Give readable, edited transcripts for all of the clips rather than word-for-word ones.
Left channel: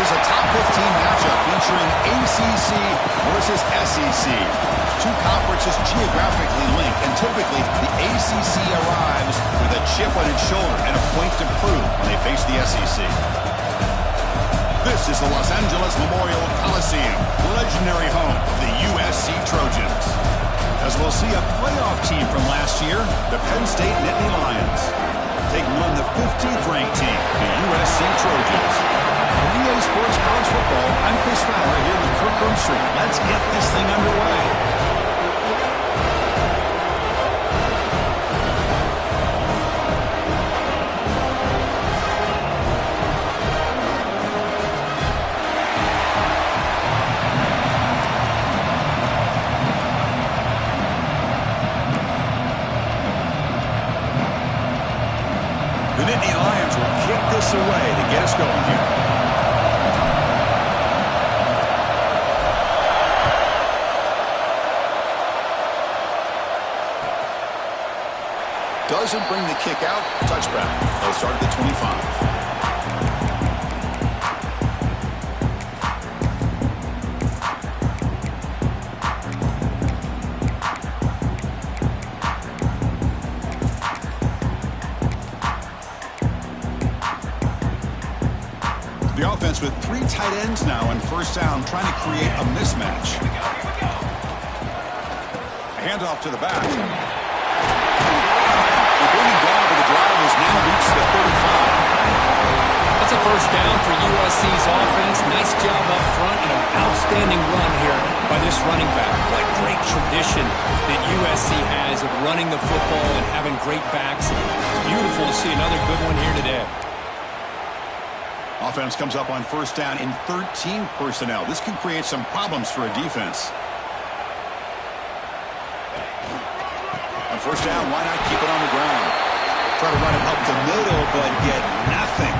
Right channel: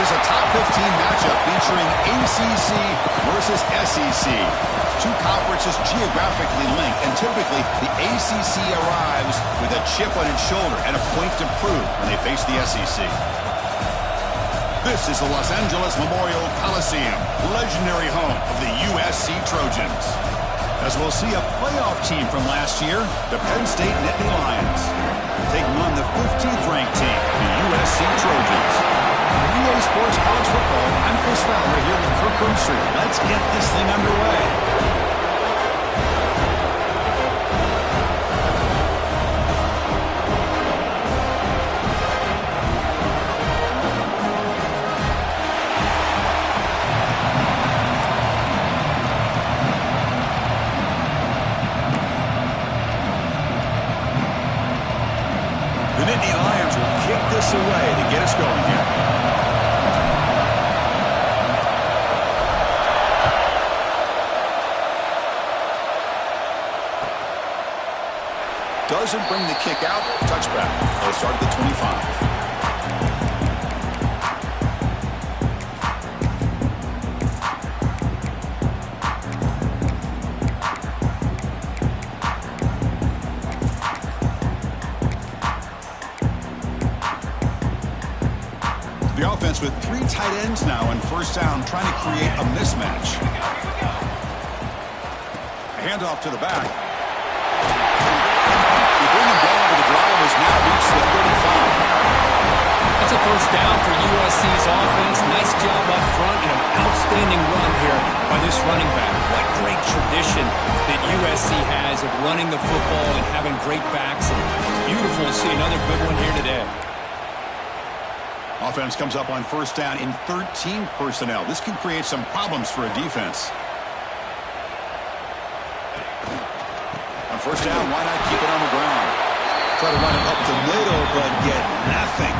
This is a top 15 matchup featuring ACC versus SEC. Two conferences geographically linked, and typically the ACC arrives with a chip on its shoulder and a point to prove when they face the SEC. This is the Los Angeles Memorial Coliseum, legendary home of the USC Trojans. As we'll see a playoff team from last year, the Penn State Nittany Lions, taking on the 15th ranked team, the USC Trojans. For EA Sports College Football, I'm Chris Fowler here with Kirk Herbstreit. Let's get this thing underway. The Nittany Lions will kick this away to get us going here. Doesn't bring the kick out. Touchback. They'll start at the 25. The offense with three tight ends now on first down, trying to create a mismatch. A handoff to the back. The bringing down to the drive has now reached the 35. That's a first down for USC's offense. Nice job up front and an outstanding run here by this running back. What great tradition that USC has of running the football and having great backs. It's beautiful to see another good one here today. Offense comes up on first down in 13 personnel. This can create some problems for a defense. On first down, why not keep it on the ground? Try to run it up the middle, but get nothing.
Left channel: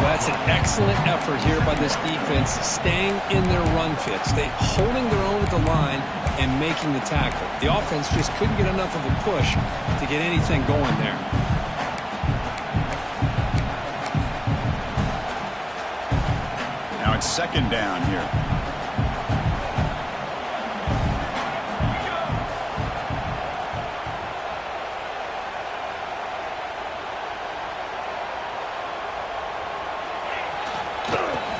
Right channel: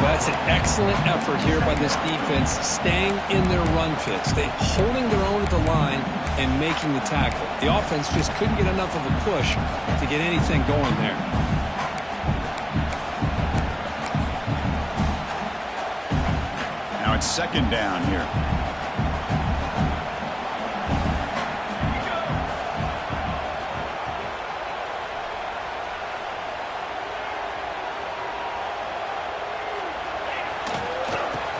Well, that's an excellent effort here by this defense, staying in their run fits. They holding their own at the line and making the tackle. The offense just couldn't get enough of a push to get anything going there. Now it's second down here.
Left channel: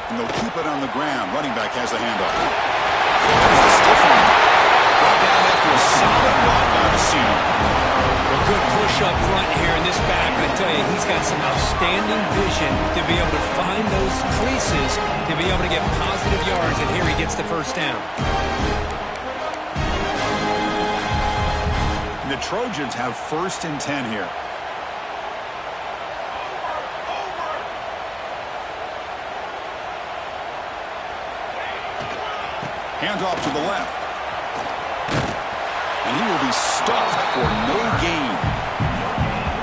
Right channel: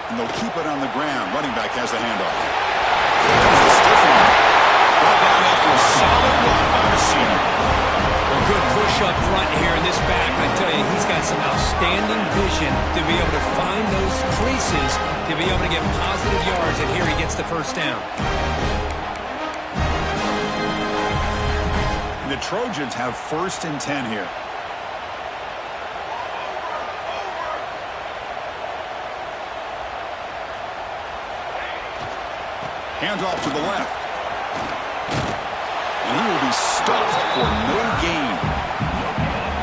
And they'll keep it on the ground. Running back has the handoff. There's the stiff one. Brought down after a solid run by the senior. Well, good push up front here in this back. I tell you, he's got some outstanding vision to be able to find those creases, to be able to get positive yards, and here he gets the first down. And the Trojans have first and 10 here. Handoff to the left. And he will be stuffed for no gain.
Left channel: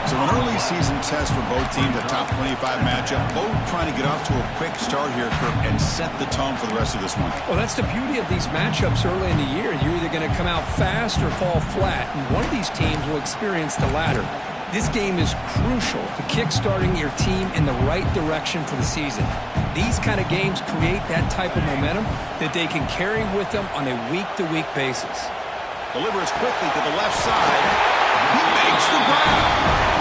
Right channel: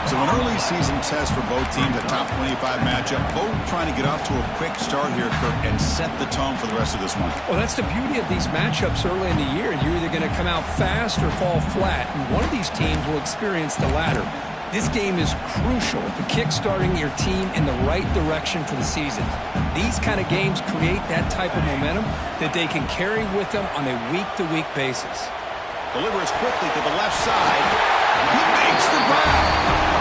So an early season test for both teams, a top 25 matchup. Both trying to get off to a quick start here, Kirk, and set the tone for the rest of this one. Well, that's the beauty of these matchups early in the year. You're either going to come out fast or fall flat, and one of these teams will experience the latter. This game is crucial to kick-starting your team in the right direction for the season. These kind of games create that type of momentum that they can carry with them on a week-to-week basis. Delivers quickly to the left side. He makes the grab.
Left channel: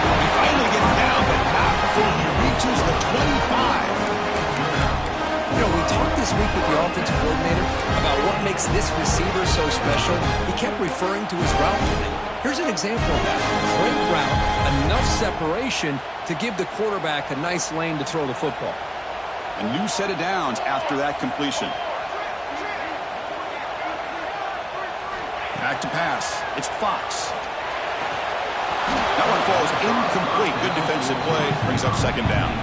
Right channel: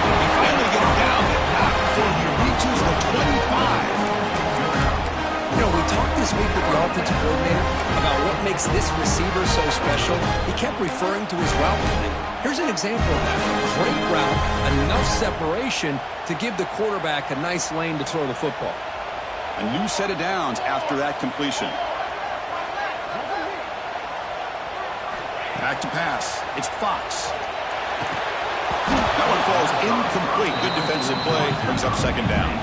He finally gets down, but not before he reaches the 25. You know, we talked this week with the offensive coordinator about what makes this receiver so special. He kept referring to his route running. Here's an example of that. Great route, enough separation to give the quarterback a nice lane to throw the football. A new set of downs after that completion. Back to pass. It's Fox. That one falls incomplete. Good defensive play. Brings up second down.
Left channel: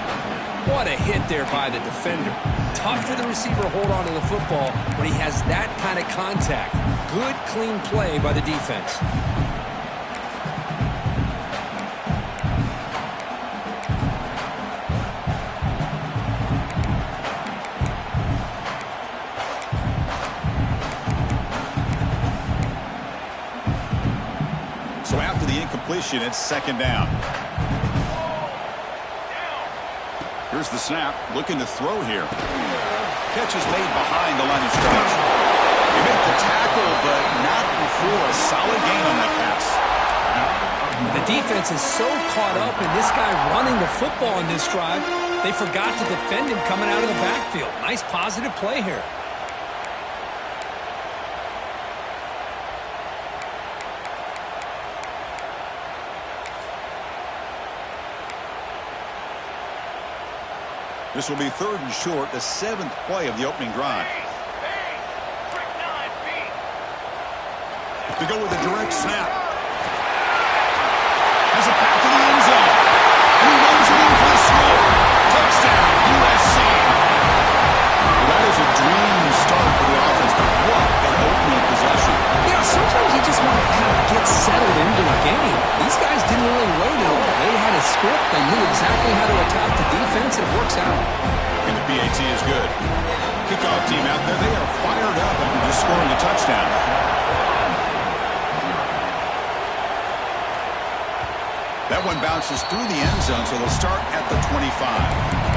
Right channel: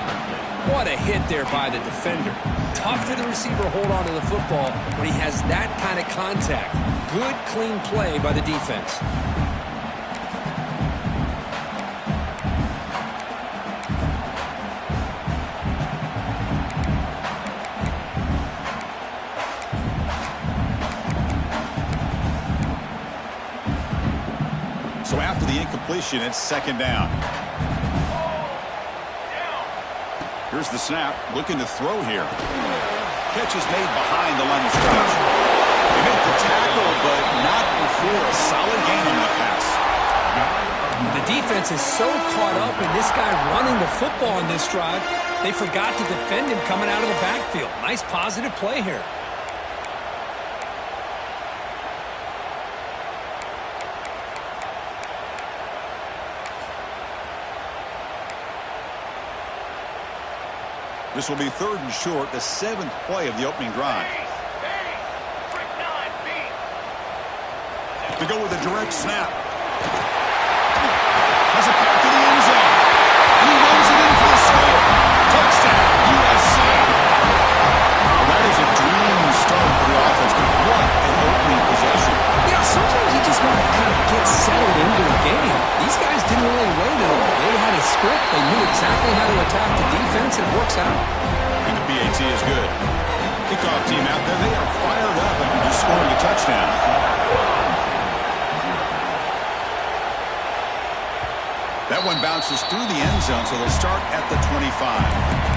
What a hit there by the defender. Tough for the receiver to hold on to the football when he has that kind of contact. Good, clean play by the defense. So after the incompletion, it's second down. Here's Here's the snap, looking to throw here. Catch is made behind the line of scrimmage. He made the tackle, but not before a solid gain on that pass. The defense is so caught up in this guy running the football on this drive, they forgot to defend him coming out of the backfield. Nice positive play here. This will be 3rd and short, the 7th play of the opening drive. To go with a direct snap. Has a path to the end zone. And he runs it in for the score. Touchdown, USC. Well, that is a dream start for the offense, but what an opening possession. Yeah, sometimes you just want to kind of get settled into a game. These guys didn't really wait at all. They had a script. They knew exactly how to attack the defense, and it works out. And the PAT is good. Kickoff team out there, they are fired up after just scoring a touchdown. That one bounces through the end zone, so they'll start at the 25.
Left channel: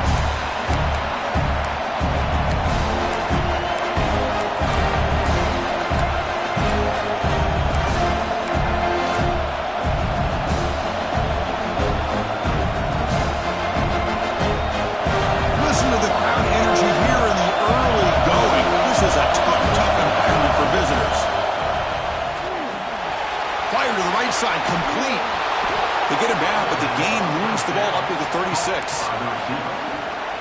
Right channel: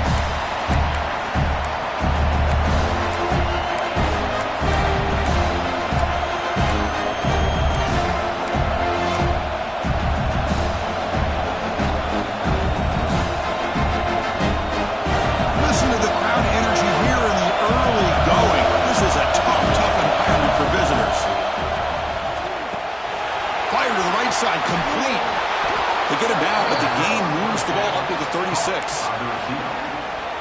To the crowd energy here in the early going. This is a tough environment for visitors. Fire to the right side, complete. They get him down, but the gain moves the ball up to the 36.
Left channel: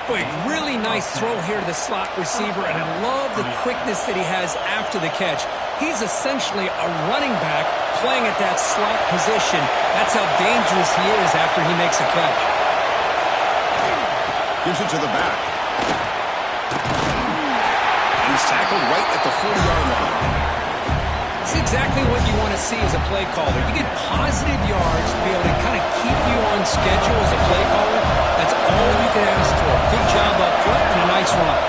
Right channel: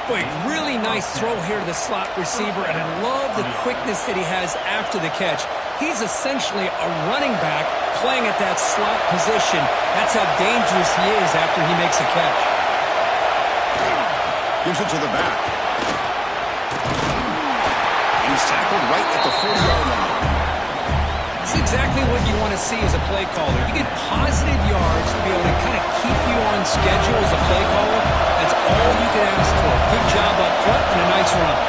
Boy, really nice throw here to the slot receiver, and I love the quickness that he has after the catch. He's essentially a running back playing at that slot position. That's how dangerous he is after he makes a catch. Gives it to the back. And he's tackled right at the 40-yard line. It's exactly what you want to see as a play caller. You get positive yards to be able to kind of keep you on schedule as a play caller. That's all you can ask for. Good job up front and a nice run.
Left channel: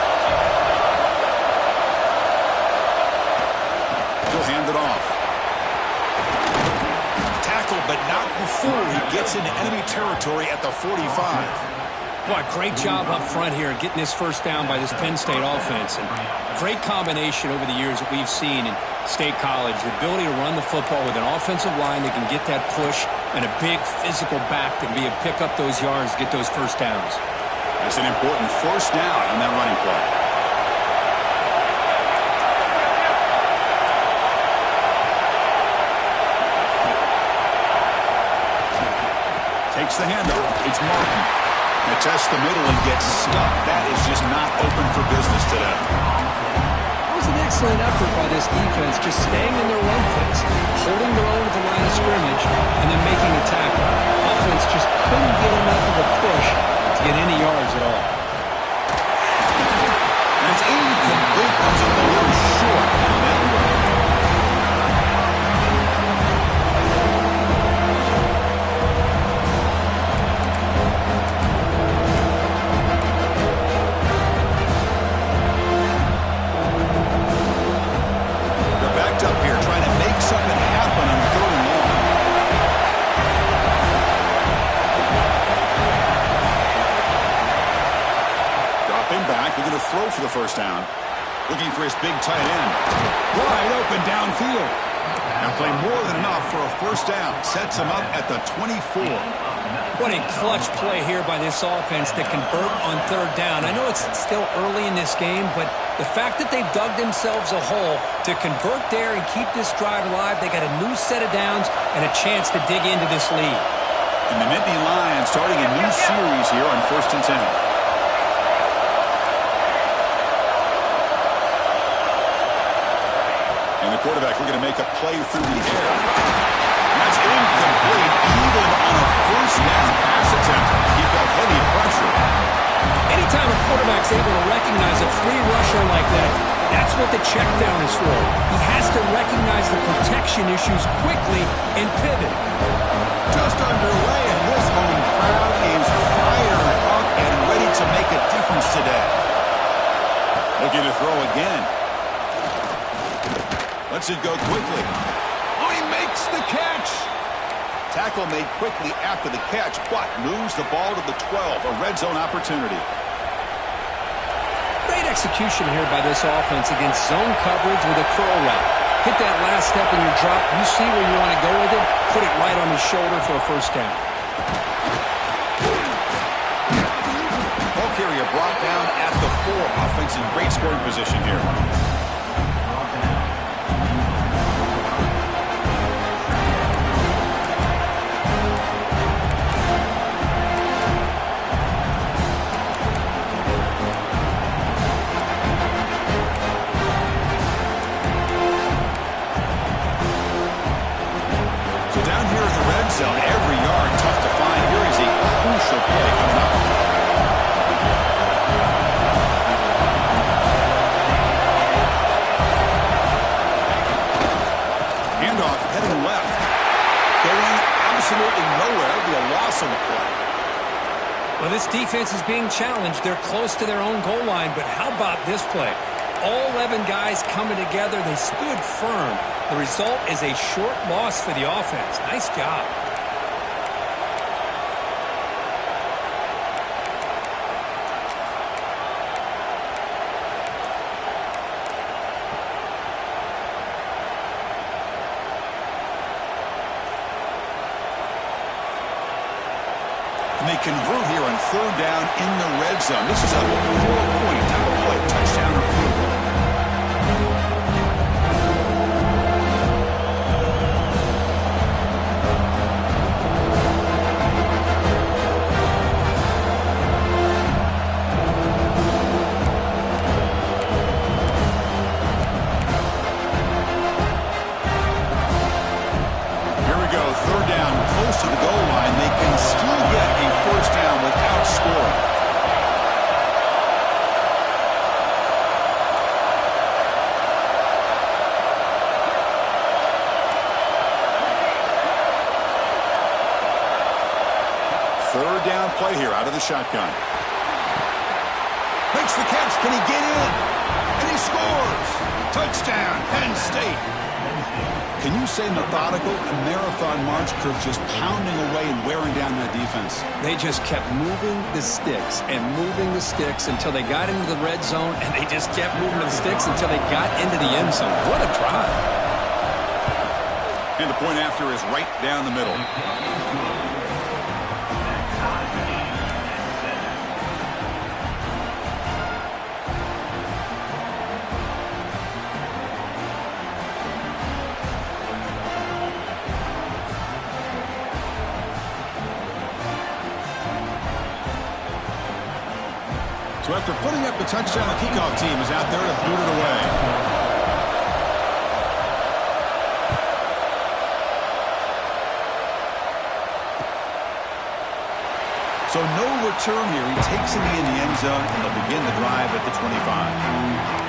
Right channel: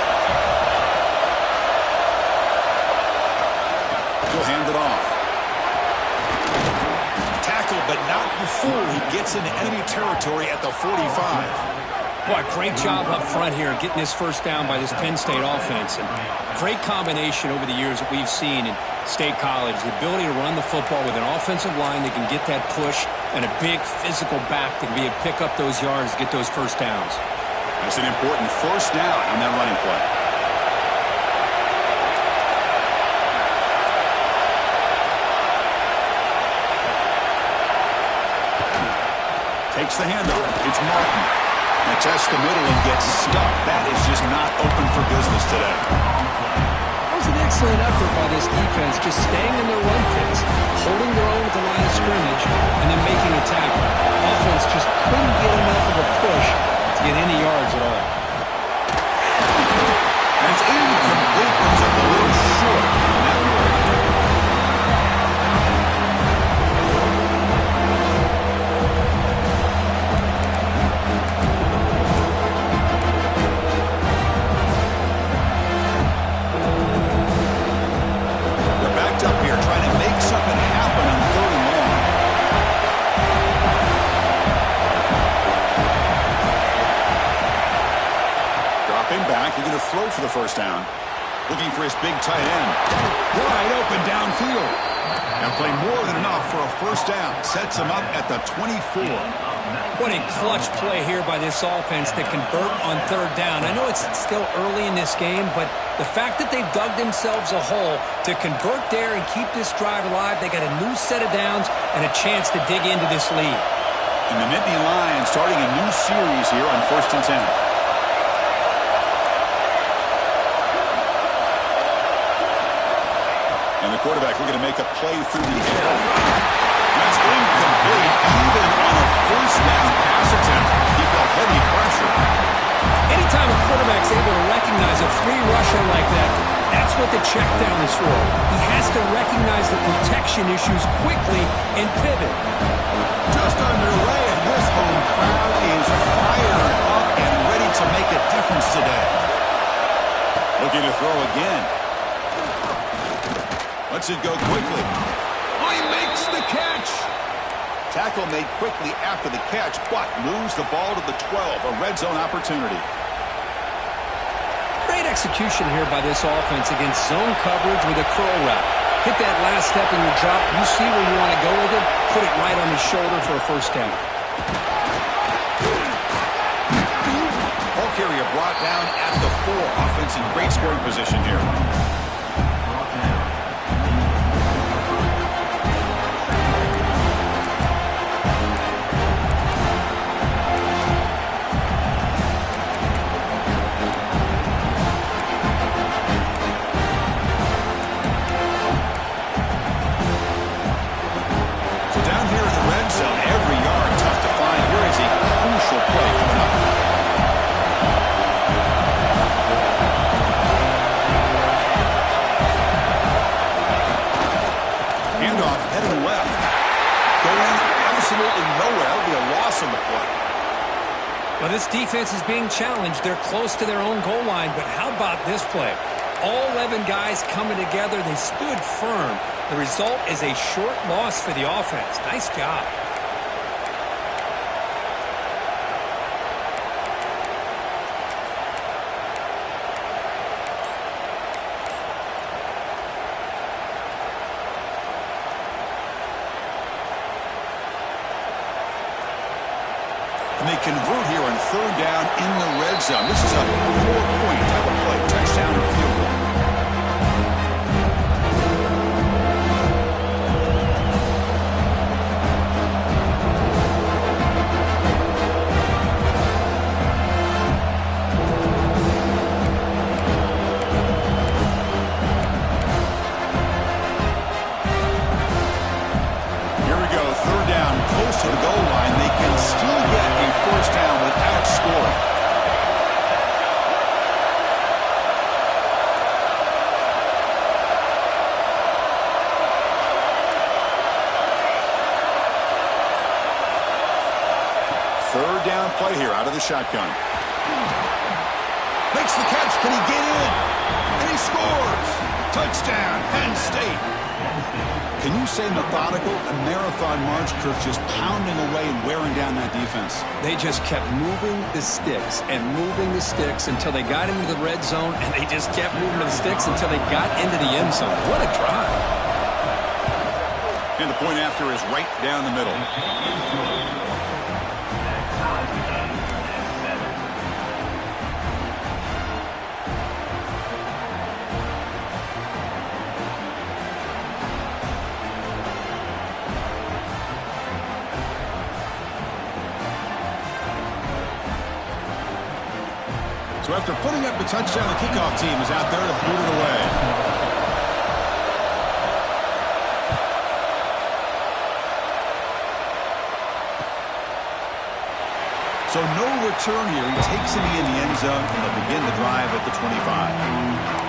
He'll hand it off. Tackle, but not before he gets into enemy territory at the 45. Boy, great job up front here getting this first down by this Penn State offense. And great combination over the years that we've seen in State College. The ability to run the football with an offensive line that can get that push and a big physical back that can be able to pick up those yards to get those first downs. That's an important first down on that running play. Takes the handoff. It's Martin. Now tests the middle and gets stuck. That is just not open for business today. That was an excellent effort by this defense, just staying in their run fits, holding their own at the line of scrimmage, and then making a tackle. Offense just couldn't get enough of a push to get any yards at all. And it's incomplete. Comes up a little short on that play. Up here trying to make something happen on 3rd and long. Drop him back, looking to throw for the first down. Looking for his big tight end. Wide open downfield. And play more than enough for a first down. Sets him up at the 24. What a clutch play here by this offense to convert on 3rd down. I know it's still early in this game, but the fact that they've dug themselves a hole to convert there and keep this drive alive, they got a new set of downs and a chance to dig into this lead. And the Nittany Lions starting a new series here on 1st and 10. And the quarterback looking to make a play through the air. That's incomplete. Even on a first down pass attempt, he felt heavy pressure. Anytime a quarterback's able to recognize a free rusher like that, that's what the check down is for. He has to recognize the protection issues quickly and pivot. Just underway, and this home crowd is fired up and ready to make a difference today. Looking to throw again. Lets it go quickly. Oh, he makes the catch. Tackle made quickly after the catch, but moves the ball to the 12, a red zone opportunity. Great execution here by this offense against zone coverage with a curl route. Hit that last step in your drop. You see where you want to go with it. Put it right on his shoulder for a first down. Ball carrier brought down at the 4. Offense in great scoring position here. Zone, every yard tough to find. Here is a crucial play coming up. Handoff heading left. Going absolutely nowhere. That would be a loss on the play. Well, this defense is being challenged. They're close to their own goal line, but how about this play? All 11 guys coming together. They stood firm. The result is a short loss for the offense. Nice job. And they convert here on third down in the red zone. This is a 4-point type of play, touchdown or field goal. Third down, close to the goal line. They can still get a first down without scoring. Third down play here out of the shotgun. Makes the catch. Can he get in? And he scores. Touchdown, Penn State. Can you say methodical? A marathon march, Kirk, just pounding away and wearing down that defense. They just kept moving the sticks and moving the sticks until they got into the red zone, and they just kept moving the sticks until they got into the end zone. What a drive. And the point after is right down the middle. So after putting up the touchdown, the kickoff team is out there to boot it away. So no return here. He takes it in the end zone, and they'll begin the drive at the 25.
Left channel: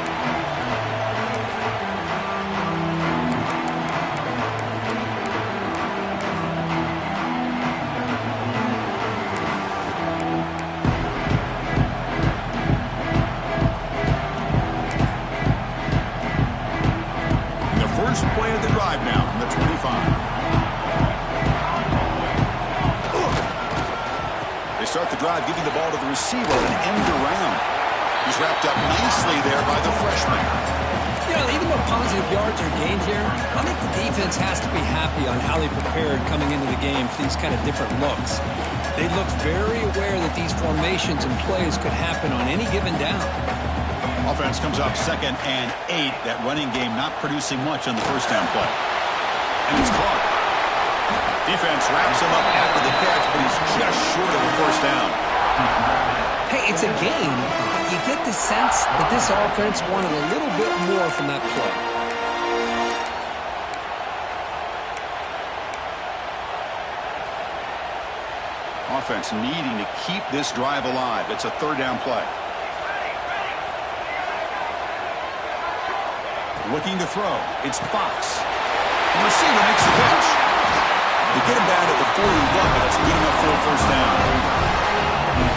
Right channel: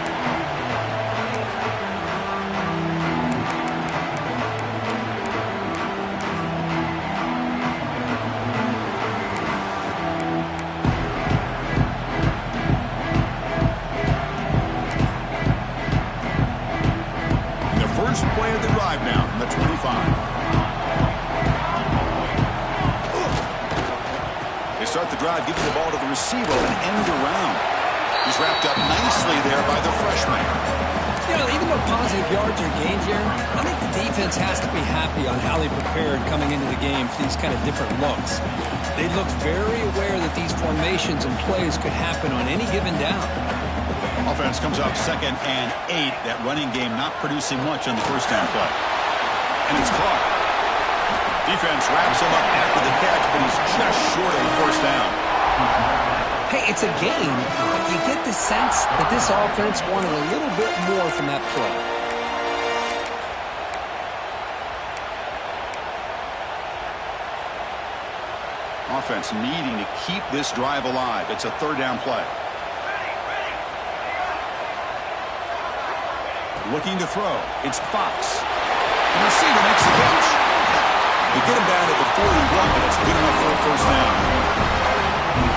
Play of the drive now from the 25. They start the drive, giving the ball to the receiver and end around. He's wrapped up nicely there by the freshman. You know, even though positive yards are gained here, I think the defense has to be happy on how they prepared coming into the game for these kind of different looks. They looked very aware that these formations and plays could happen on any given down. Offense comes up 2nd and 8. That running game not producing much on the first down play. And it's caught. Defense wraps him up after the catch, but he's just short of a first down. Hey, it's a game, but you get the sense that this offense wanted a little bit more from that play. Offense needing to keep this drive alive. It's a third down play. Looking to throw. It's Fox. The receiver makes the catch. They get him down to the 41, but that's good enough for a first down.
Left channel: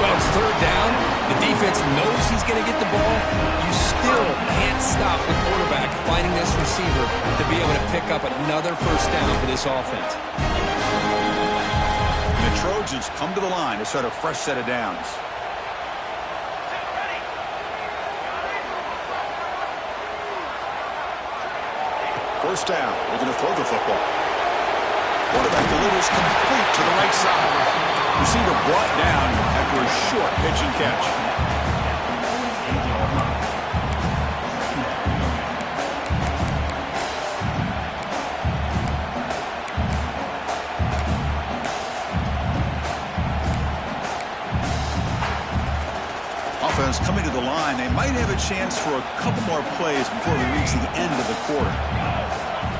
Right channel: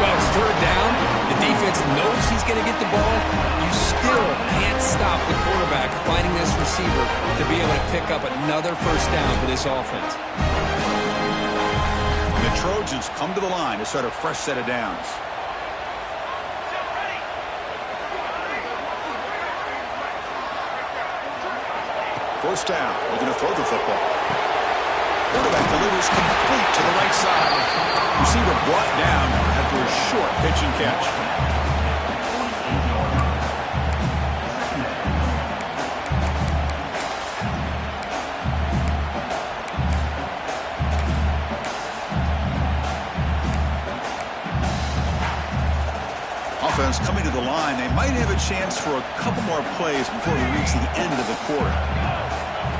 Well, it's third down. The defense knows he's going to get the ball. You still can't stop the quarterback finding this receiver to be able to pick up another first down for this offense. And the Trojans come to the line to start a fresh set of downs. First down, looking to throw the football. Quarterback delivers complete to the right side. Receiver brought down after a short pitch and catch. Offense coming to the line. They might have a chance for a couple more plays before we reach the end of the quarter.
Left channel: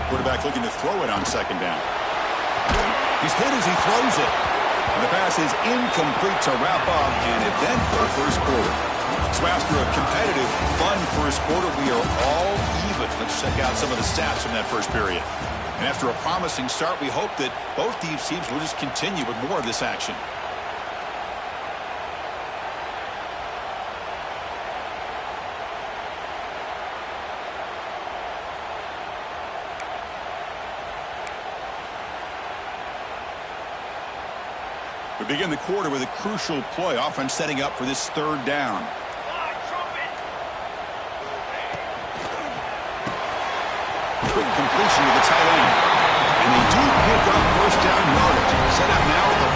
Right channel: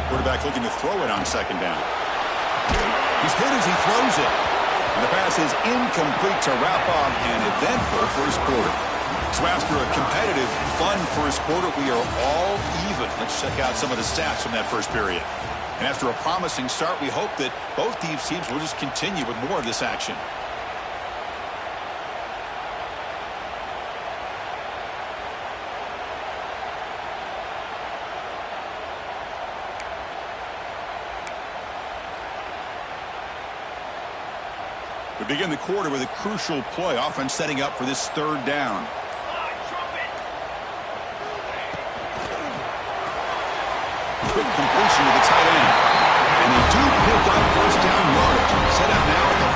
Quarterback looking to throw it on second down. He's hit as he throws it. And the pass is incomplete to wrap up an eventful first quarter. So after a competitive, fun first quarter, we are all even. Let's check out some of the stats from that first period. And after a promising start, we hope that both these teams will just continue with more of this action. We begin the quarter with a crucial play. Offense setting up for this third down. Quick completion to the tight end. And they do pick up first down yardage. Set up now at the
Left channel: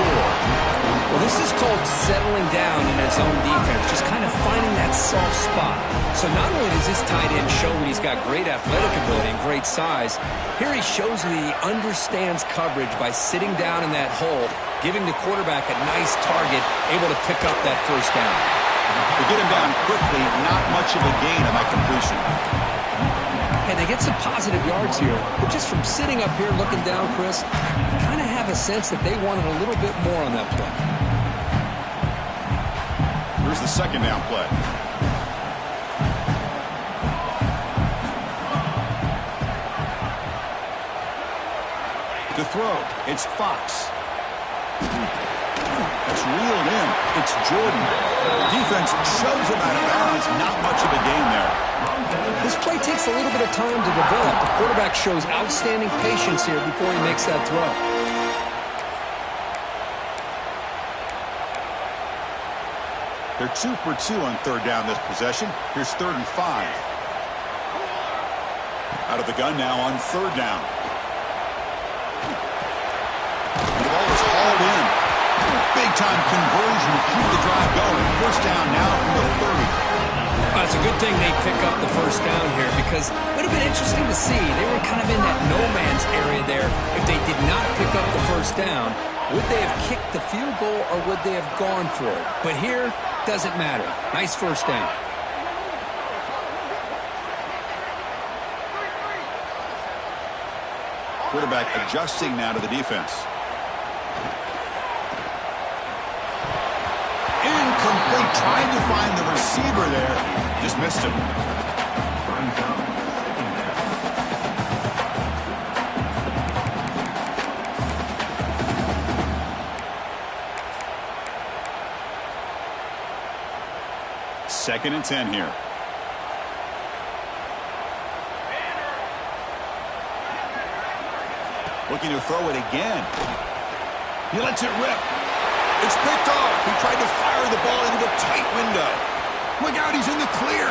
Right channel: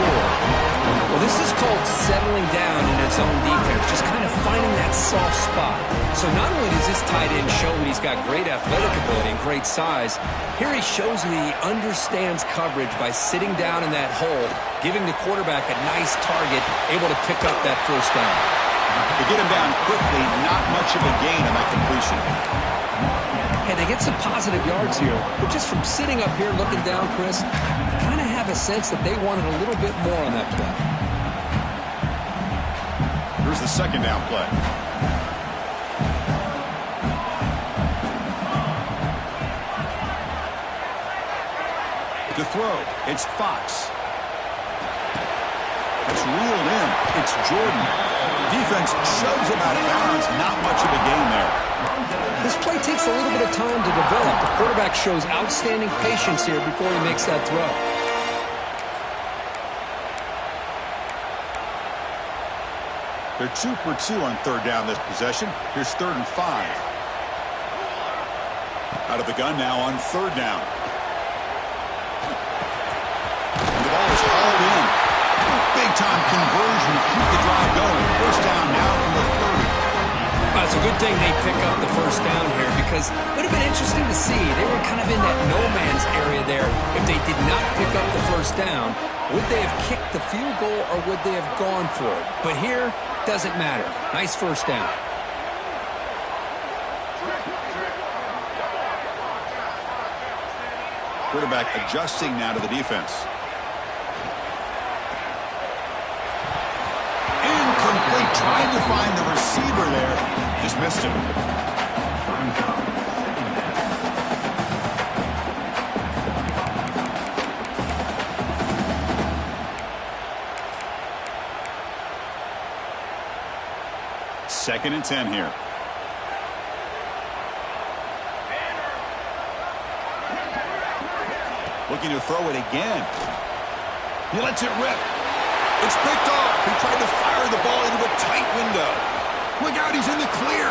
44. Well, this is called settling down in his own defense, just kind of finding that soft spot. So not only does this tight end show that he's got great athletic ability and great size, here he shows that he understands coverage by sitting down in that hole, giving the quarterback a nice target, able to pick up that first down. To get him down quickly, not much of a gain on that completion. Hey, they get some positive yards here, but just from sitting up here looking down, Chris, you kind of have a sense that they wanted a little bit more on that play. Here's the second down play. To throw, it's Fox. That's reeled in. It's Jordan. Defense shoves him out of bounds. Not much of a gain there. This play takes a little bit of time to develop. The quarterback shows outstanding patience here before he makes that throw. They're 2 for 2 on third down this possession. Here's 3rd and 5. Out of the gun now on third down. And the ball is hauled in. Big-time conversion to keep the drive going. First down now from the 30. It's a good thing they pick up the first down here because it would have been interesting to see. They were kind of in that no-man's area there. If they did not pick up the first down, would they have kicked the field goal or would they have gone for it? But here, doesn't matter. Nice first down. Quarterback adjusting now to the defense. Incomplete. Trying to find the receiver there. Just missed him. Second and 10 here. Looking to throw it again. He lets it rip. It's picked off. He tried to fire the ball into a tight window. Look out, he's in the clear.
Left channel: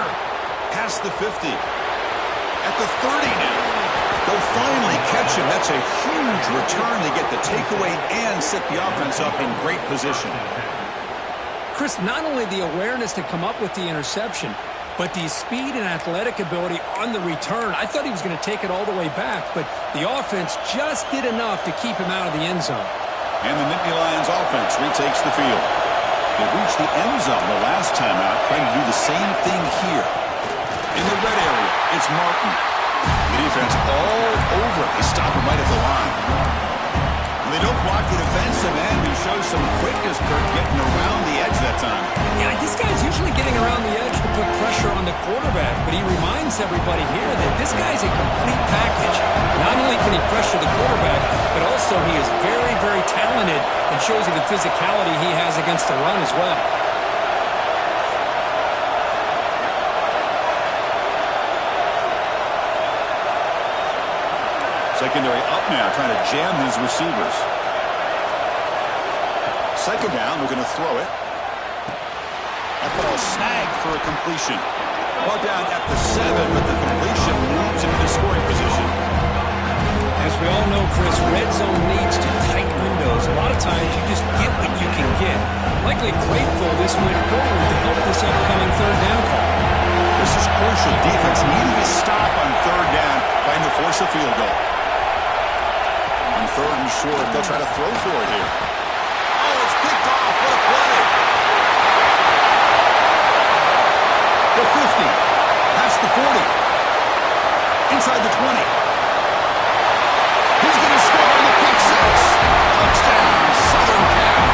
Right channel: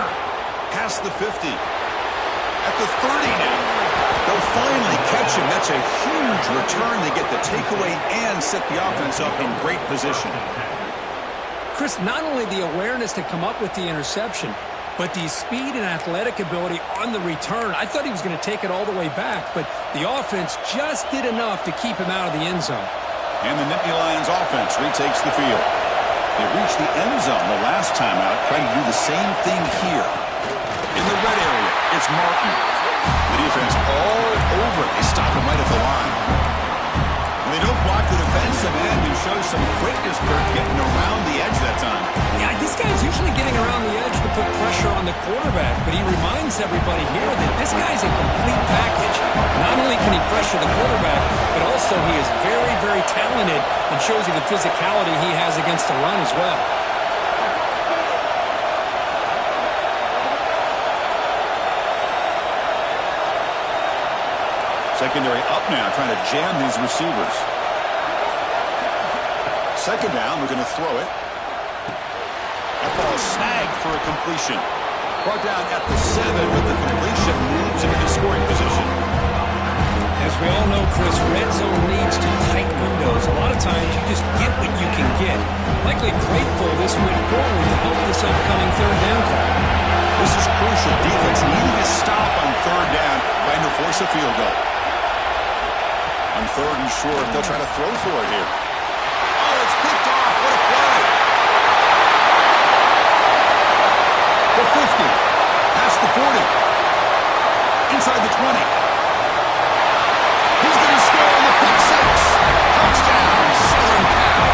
Past the 50. At the 30 now. They'll finally catch him. That's a huge return. They get the takeaway and set the offense up in great position. Chris, not only the awareness to come up with the interception, but the speed and athletic ability on the return. I thought he was going to take it all the way back, but the offense just did enough to keep him out of the end zone. And the Nittany Lions offense retakes the field. They reached the end zone the last time out, trying to do the same thing here. In the red area, it's Martin. The defense all over it. They stop him right at the line. When they don't block the defensive end, he shows some quickness, Kirk, getting around the edge that time. Yeah, this guy's usually getting around the edge to put pressure on the quarterback, but he reminds everybody here that this guy's a complete package. Not only can he pressure the quarterback, but also he is very, very talented and shows you the physicality he has against the run as well. Secondary up now, trying to jam these receivers. Second down, we're going to throw it. That ball snagged for a completion. Brought down at the 7, but the completion moves into the scoring position. As we all know, Chris, red zone needs to tight windows. A lot of times you just get what you can get. Likely grateful this went forward to help this upcoming third down call. This is crucial. Defense needing a stop on third down, trying to force a field goal. On third and short, they'll try to throw for it here. Oh, it's picked off. What a play. The 50. Past the 40. Inside the 20. He's going to score in the pick six. Touchdown, Southern Cal.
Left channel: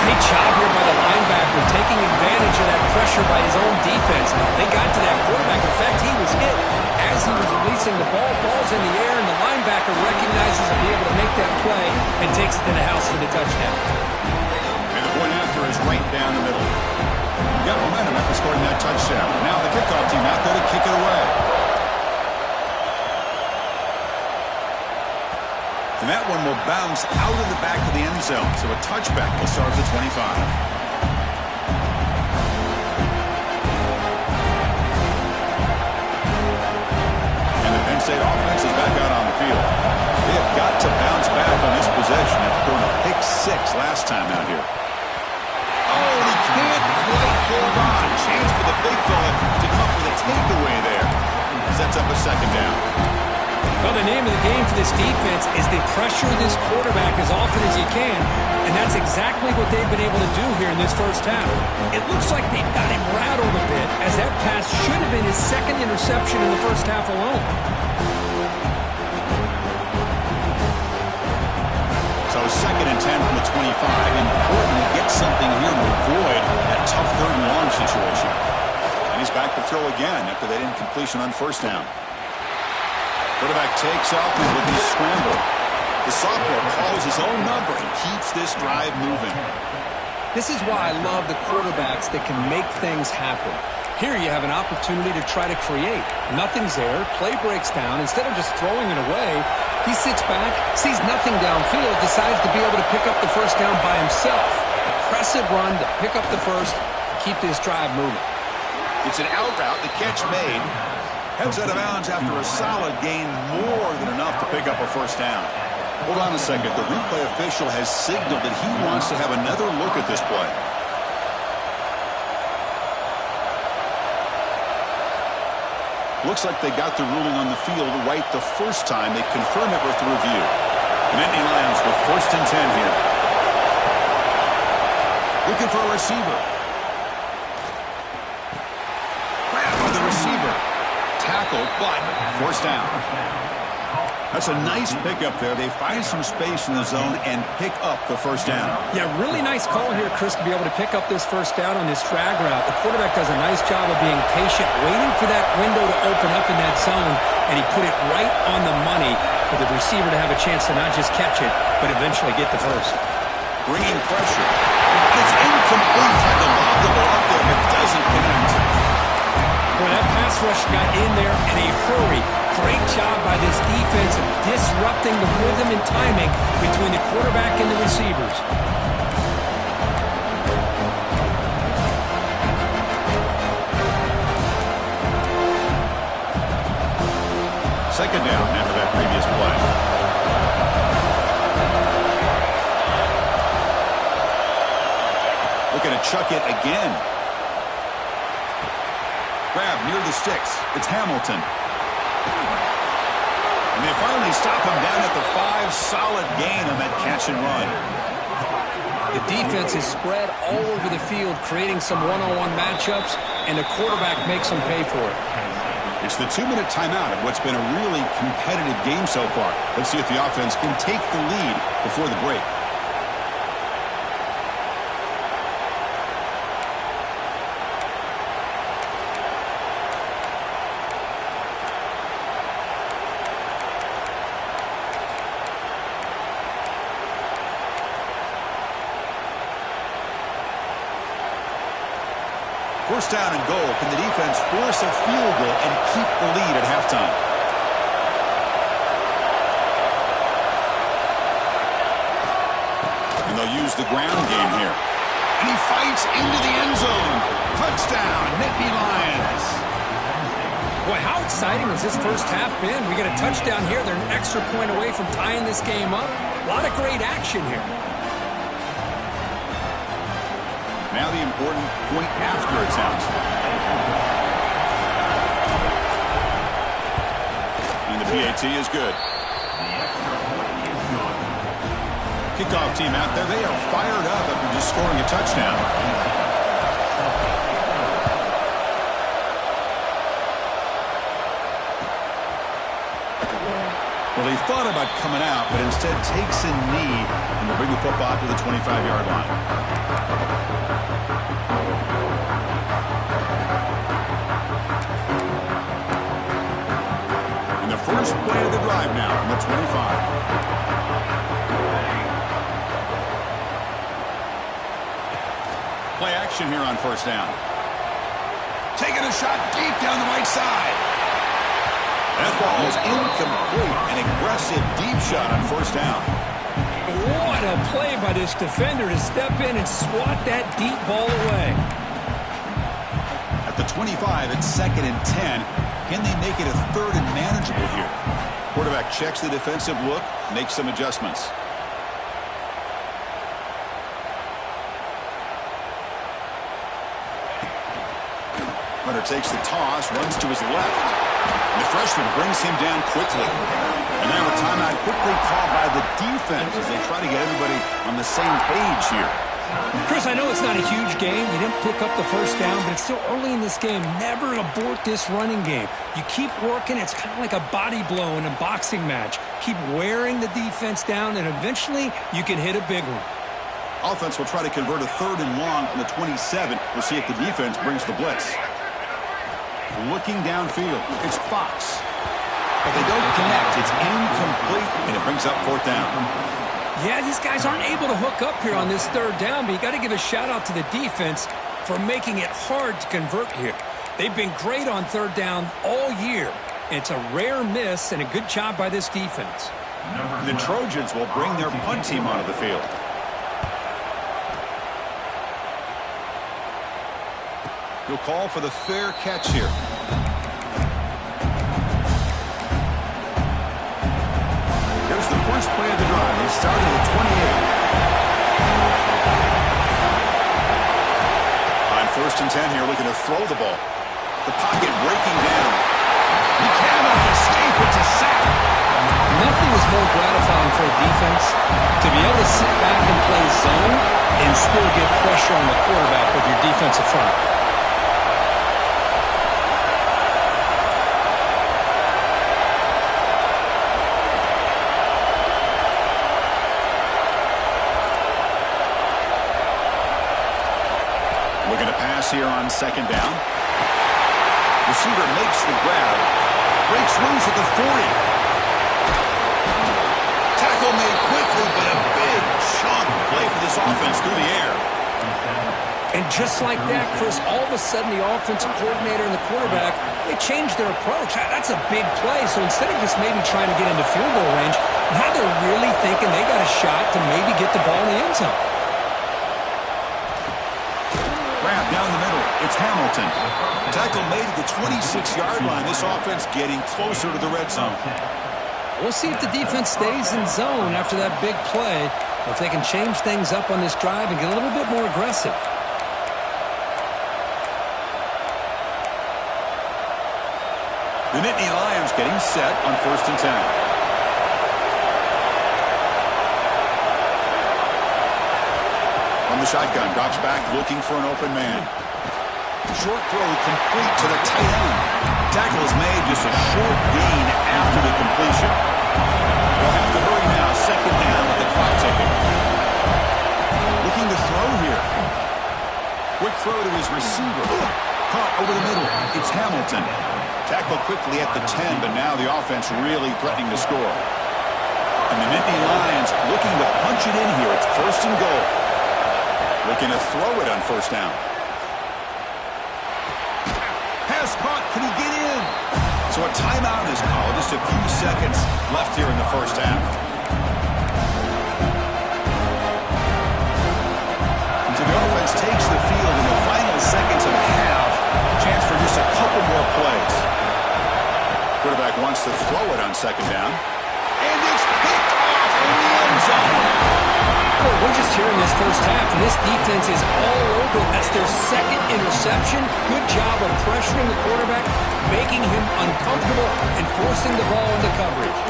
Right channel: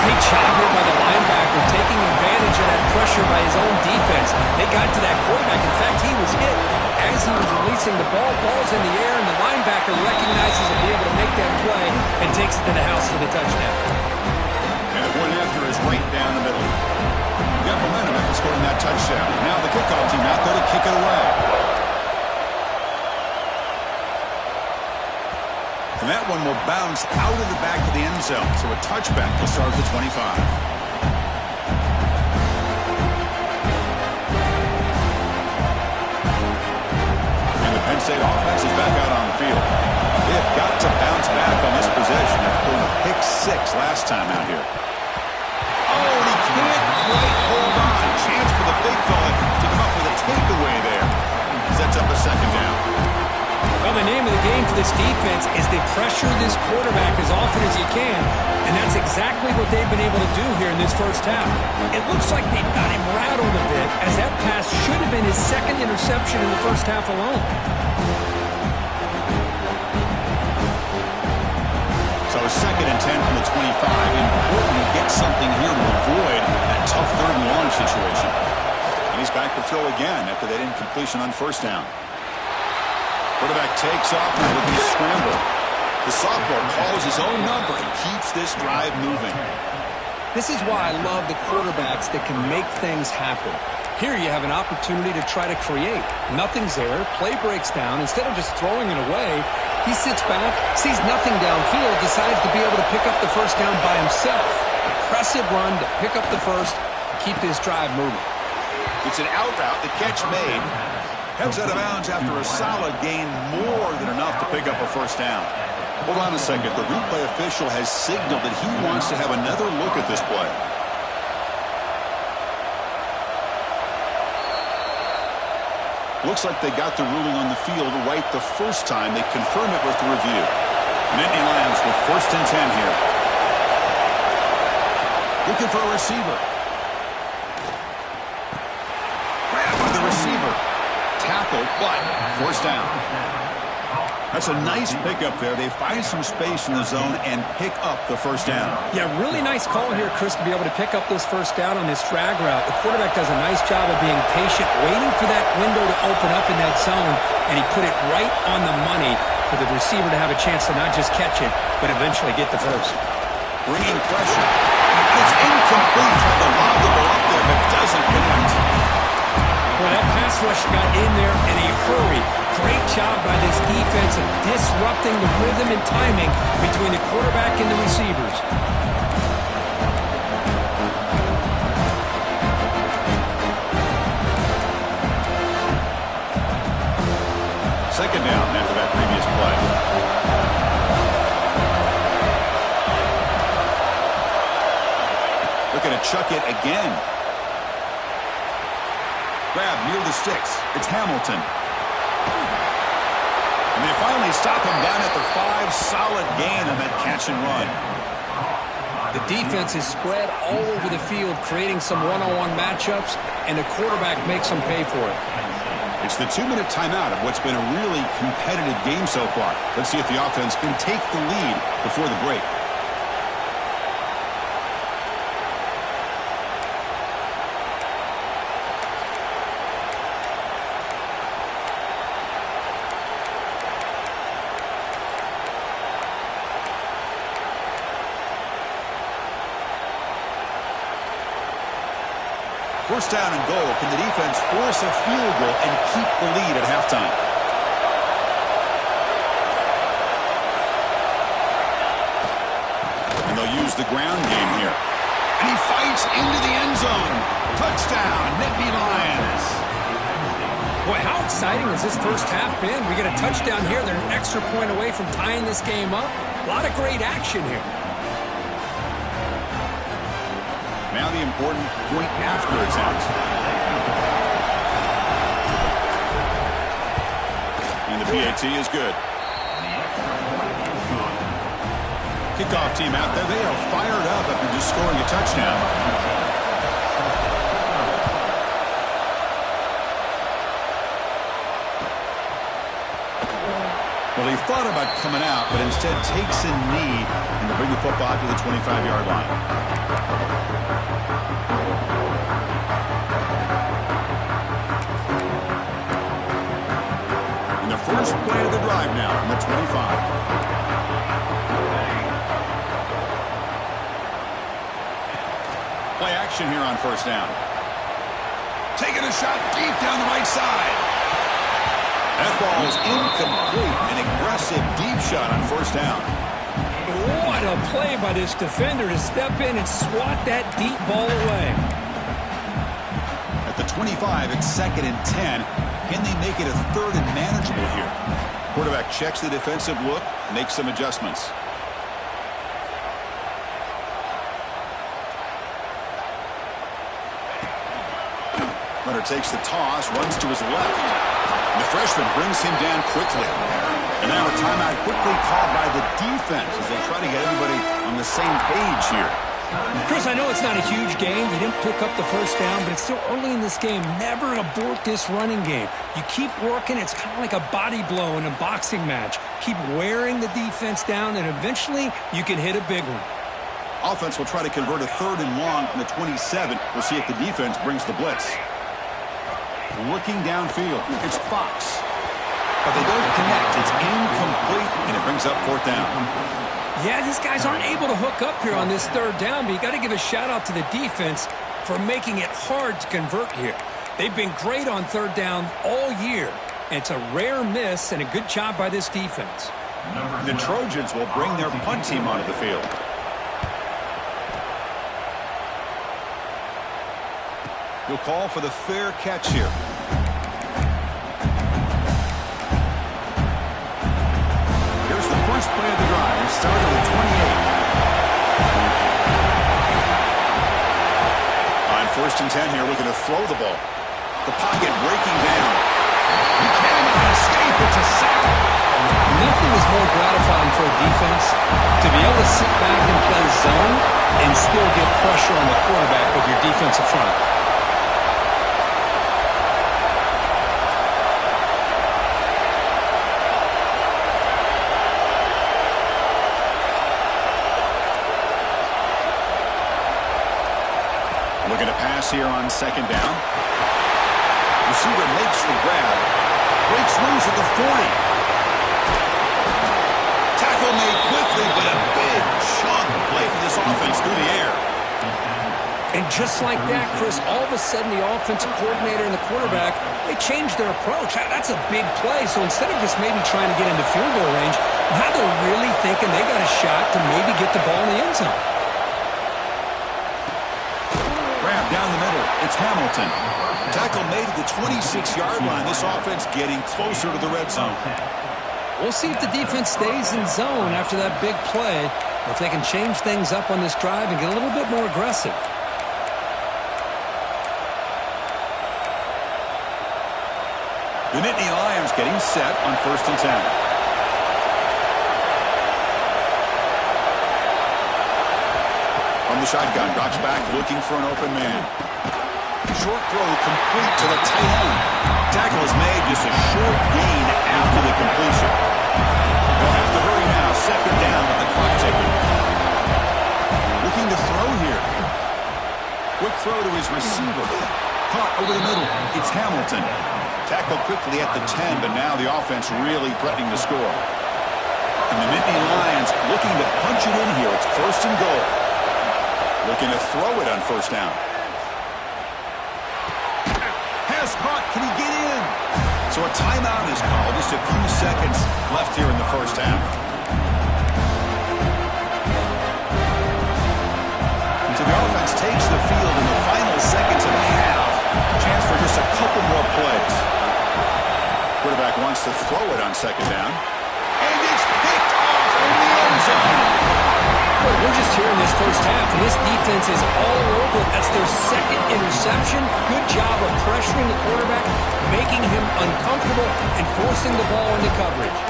Great job here by the linebacker, taking advantage of that pressure by his own defense. They got to that quarterback. In fact, he was hit as he was releasing the ball. Ball's in the air, and the linebacker recognizes he'll be able to make that play and takes it to the house for the touchdown. And the point after is right down the middle. He got momentum after scoring that touchdown. Now the kickoff team out there to kick it away. And that one will bounce out of the back of the end zone. So a touchback will start at the 25. And the Penn State offense is back out on the field. They have got to bounce back on this possession after throwing a pick six last time out here. Oh, and he can't quite hold on. Chance for the big fella to come up with a takeaway there. Sets up a second down. Well, the name of the game for this defense is to pressure this quarterback as often as you can, and that's exactly what they've been able to do here in this first half. It looks like they've got him rattled a bit, as that pass should have been his second interception in the first half alone. So second and 10 from the 25. Important to get something here to avoid that tough third and long situation. And he's back to throw again after that incompletion on first down. Quarterback takes off now with his scramble. The sophomore calls his own number and keeps this drive moving. This is why I love the quarterbacks that can make things happen. Here you have an opportunity to try to create. Nothing's there. Play breaks down. Instead of just throwing it away, he sits back, sees nothing downfield, decides to be able to pick up the first down by himself. Impressive run to pick up the first, keep this drive moving. It's an out route. The catch made. Heads out of bounds after a solid gain, more than enough to pick up a first down. Hold on a second. The replay official has signaled that he wants to have another look at this play. Looks like they got the ruling on the field right the first time. They confirm it with the review. And Nittany Lions with first and 10 here. Looking for a receiver. Grab by the receiver. Tackled, but forced down. That's a nice pickup there. They find some space in the zone and pick up the first down. Yeah, really nice call here, Chris, to be able to pick up this first down on this drag route. The quarterback does a nice job of being patient, waiting for that window to open up in that zone, and he put it right on the money for the receiver to have a chance to not just catch it, but eventually get the first. Bringing pressure. And it's incomplete. Tried to lob the ball up there, but doesn't connect. Boy, that pass rush got in there in a hurry. Great job by this defense of disrupting the rhythm and timing between the quarterback and the receivers. Second down after that previous play. Looking to chuck it again. Grab near the sticks. It's Hamilton. And they finally stop him down at the 5. Solid gain on that catch and run. The defense is spread all over the field, creating some one-on-one matchups, and the quarterback makes them pay for it. It's the 2-minute timeout of what's been a really competitive game so far. Let's see if the offense can take the lead before the break. First down and goal. Can the defense force a field goal and keep the lead at halftime? And they'll use the ground game here. And he fights into the end zone. Touchdown, Nittany Lions. Boy, how exciting has this first half been? We get a touchdown here. They're an extra point away from tying this game up. A lot of great action here. Now the important point after attempt. And the PAT is good. Kickoff team out there. They are fired up after just scoring a touchdown. Well, he thought about coming out, but instead takes a knee and will bring the football to the 25-yard line. And the first play of the drive now from the 25. Play action here on first down. Taking a shot deep down the right side. That ball is incomplete. An aggressive deep shot on first down. What a play by this defender to step in and swat that deep ball away. At the 25, it's 2nd and 10. Can they make it a 3rd and manageable here? Quarterback checks the defensive look, makes some adjustments. Runner takes the toss, runs to his left. And the freshman brings him down quickly. And now a timeout quickly called by the defense as they try to get everybody on the same page here. Chris, I know it's not a huge game. You didn't pick up the first down, but it's still early in this game. Never abort this running game. You keep working. It's kind of like a body blow in a boxing match. Keep wearing the defense down, and eventually you can hit a big one. Offense will try to convert a 3rd and long from the 27. We'll see if the defense brings the blitz. Looking downfield, it's Fox. But they don't connect. It's incomplete, and it brings up 4th down. Yeah, these guys aren't able to hook up here on this 3rd down, but you got to give a shout-out to the defense for making it hard to convert here. They've been great on 3rd down all year. It's a rare miss and a good job by this defense. The Trojans will bring their punt team onto the field. He'll call for the fair catch here. Here's the first play of the drive. He started with 28. On 1st and 10 here, looking to throw the ball. The pocket breaking down. He cannot escape. It's a sack. Nothing is more gratifying for a defense to be able to sit back and play zone and still get pressure on the quarterback with your defensive front. Looking to pass here on 2nd down. Receiver makes the grab. Breaks loose at the 40. Tackle made quickly, but a big chunk play for this offense through the air. And just like that, Chris, all of a sudden the offensive coordinator and the quarterback, they changed their approach. That's a big play. So instead of just maybe trying to get into field goal range, now they're really thinking they got a shot to maybe get the ball in the end zone. Down the middle, it's Hamilton. Tackle made at the 26-yard line. This offense getting closer to the red zone. We'll see if the defense stays in zone after that big play, or if they can change things up on this drive and get a little bit more aggressive. The Nittany Lions getting set on 1st and 10. From the shotgun, drops back, looking for an open man. Short throw complete to the tight end. Tackle is made, just a short gain after the completion. They'll have to hurry now, 2nd down with the clock ticking. Looking to throw here. Quick throw to his receiver. Caught over the middle. It's Hamilton. Tackle quickly at the 10, but now the offense really threatening to score. And the Nittany Lions looking to punch it in here. It's 1st and goal. Looking to throw it on 1st down. Pass caught. Can he get in? So a timeout is called. Just a few seconds left here in the first half. seconds and a half. Chance for just a couple more plays. Quarterback wants to throw it on second down. And it's picked off in the end zone. Well, we're just here in this first half, and this defense is all over. That's their second interception. Good job of pressuring the quarterback, making him uncomfortable, and forcing the ball into coverage.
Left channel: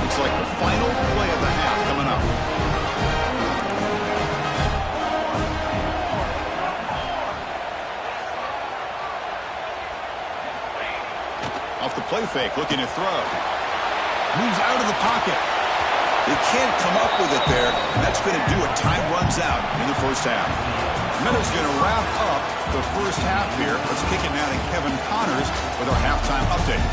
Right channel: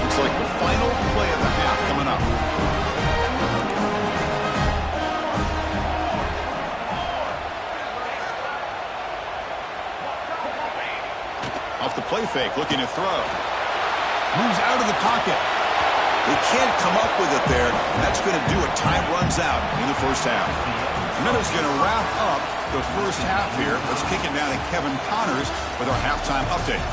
Looks like the final play of the half coming up. Off the play fake, looking to throw. Moves out of the pocket. They can't come up with it there, and that's going to do it. Time runs out in the first half. Minutes going to wrap up the first half here. Let's kick it down to Kevin Connors with our halftime update.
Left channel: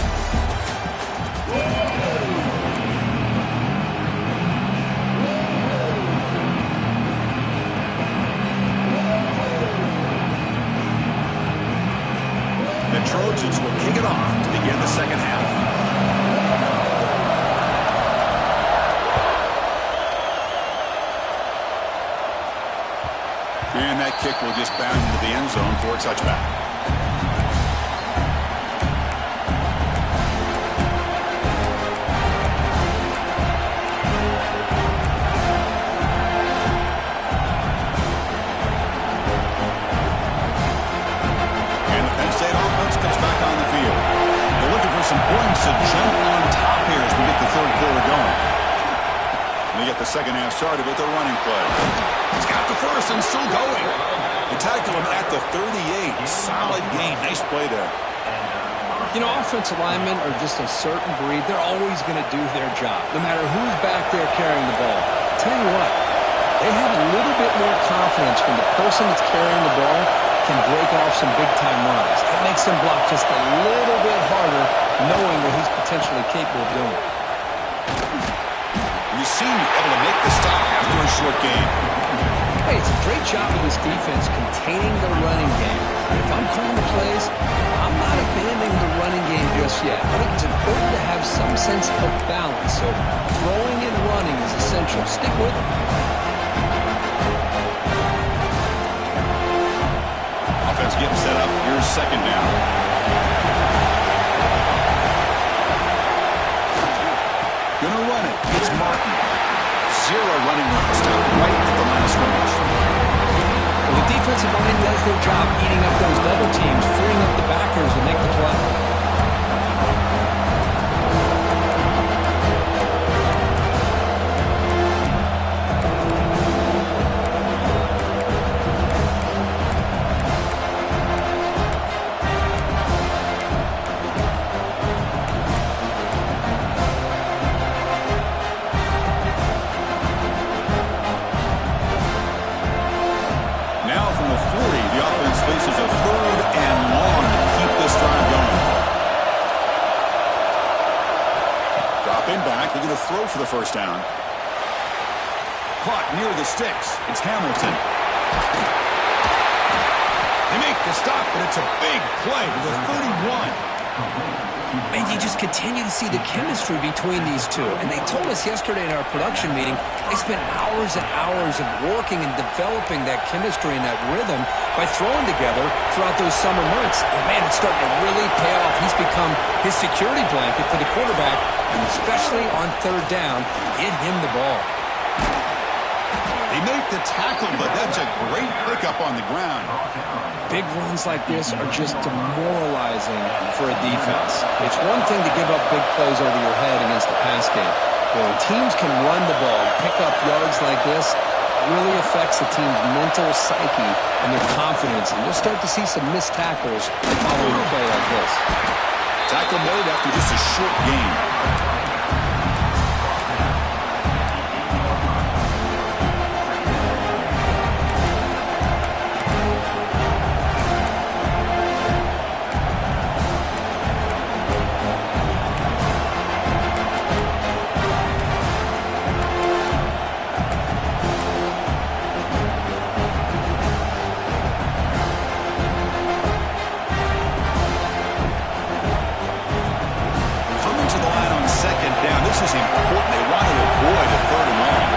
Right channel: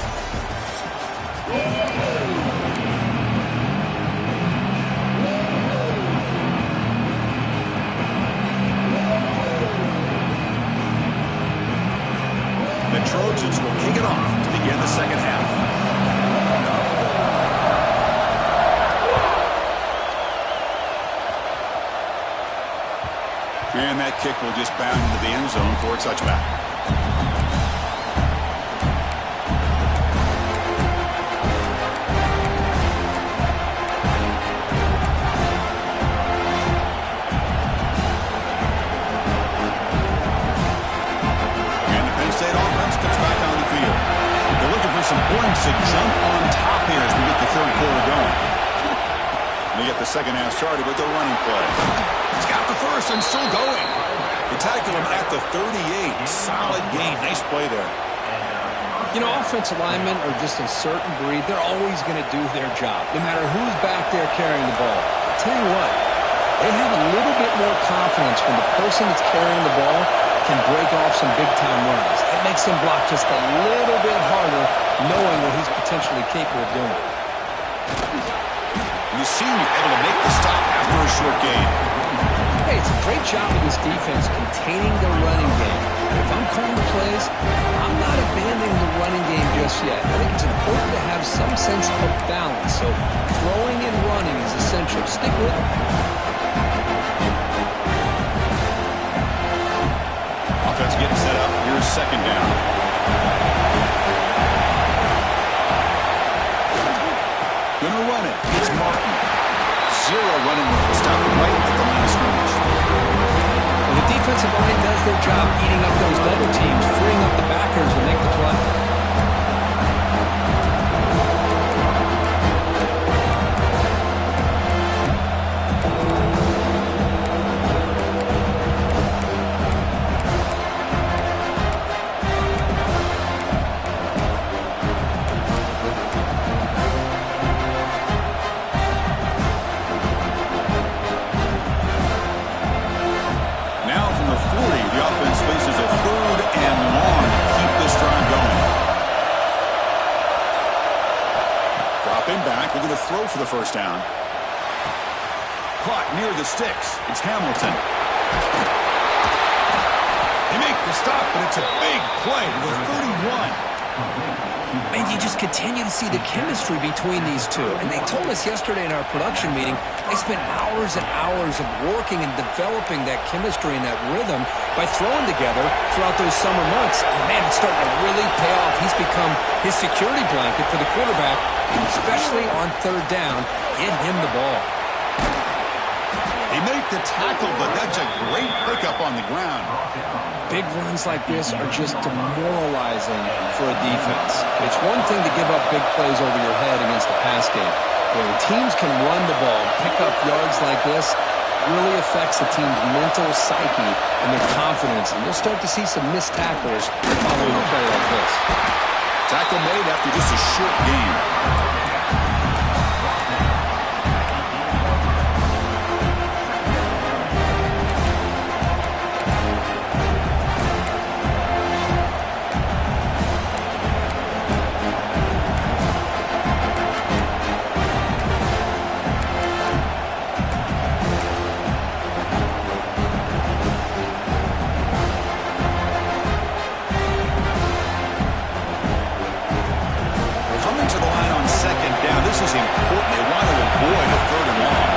The Trojans will kick it off to begin the second half. And that kick will just bound into the end zone for a touchback. And the Penn State offense comes back on the field. They're looking for some points to jump on top here as we get the third quarter going. They get the second half started with the running play. He's got the first and still going. They tackle him at the 38. Solid gain. Nice play there. You know, offensive linemen are just a certain breed. They're always going to do their job, no matter who's back there carrying the ball. I'll tell you what, they have a little bit more confidence when the person that's carrying the ball can break off some big-time runs. It makes them block just a little bit harder, knowing what he's potentially capable of doing. The senior able to make the stop after a short gain. Hey, it's a great job of this defense containing the running game. But if I'm calling the plays, I'm not abandoning the running game just yet. I think it's important to have some sense of balance. So throwing and running is essential. Stick with it. Offense getting set up. Here's second down. Gonna run it. It's Martin. Zero running room. Stop right at the line of scrimmage. Well, the defensive line does their job eating up those double teams, freeing up the backers to make the play. Faces a third and long to keep this drive going. Dropping back, looking to throw for the first down. Caught near the sticks. It's Hamilton. They make the stop, but it's a big play to the 31. And you just continue to see the chemistry between these two. And they told us yesterday in our production meeting, they spent hours and hours of working and developing that chemistry and that rhythm by throwing together throughout those summer months. And man, it's starting to really pay off. He's become his security blanket for the quarterback, and especially on third down, get him the ball. They make the tackle, but that's a great pickup on the ground. Big runs like this are just demoralizing for a defense. It's one thing to give up big plays over your head against the pass game. But when teams can run the ball, pick up yards like this, it really affects the team's mental psyche and their confidence. And you'll start to see some missed tackles following a play like this. Tackle made after just a short gain. To the line on second down. This is important. They want to avoid a third and long.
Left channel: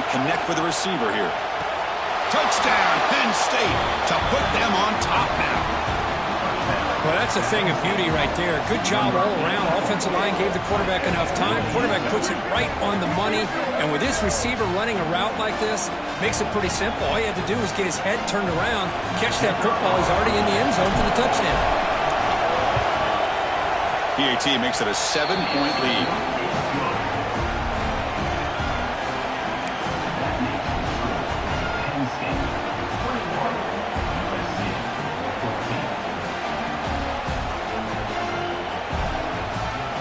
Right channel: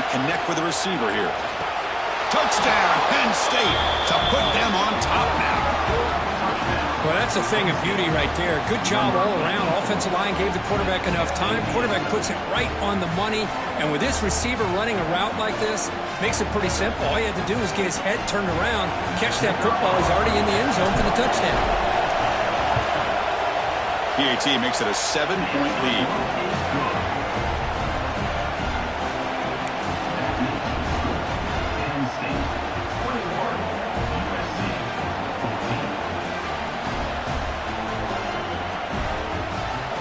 to connect with the receiver here. Touchdown, Penn State, to put them on top now. Well, that's a thing of beauty right there. Good job all around. Offensive line gave the quarterback enough time. Quarterback puts it right on the money. And with this receiver running a route like this, makes it pretty simple. All he had to do was get his head turned around, catch that football. He's already in the end zone for the touchdown. PAT makes it a 7-point lead.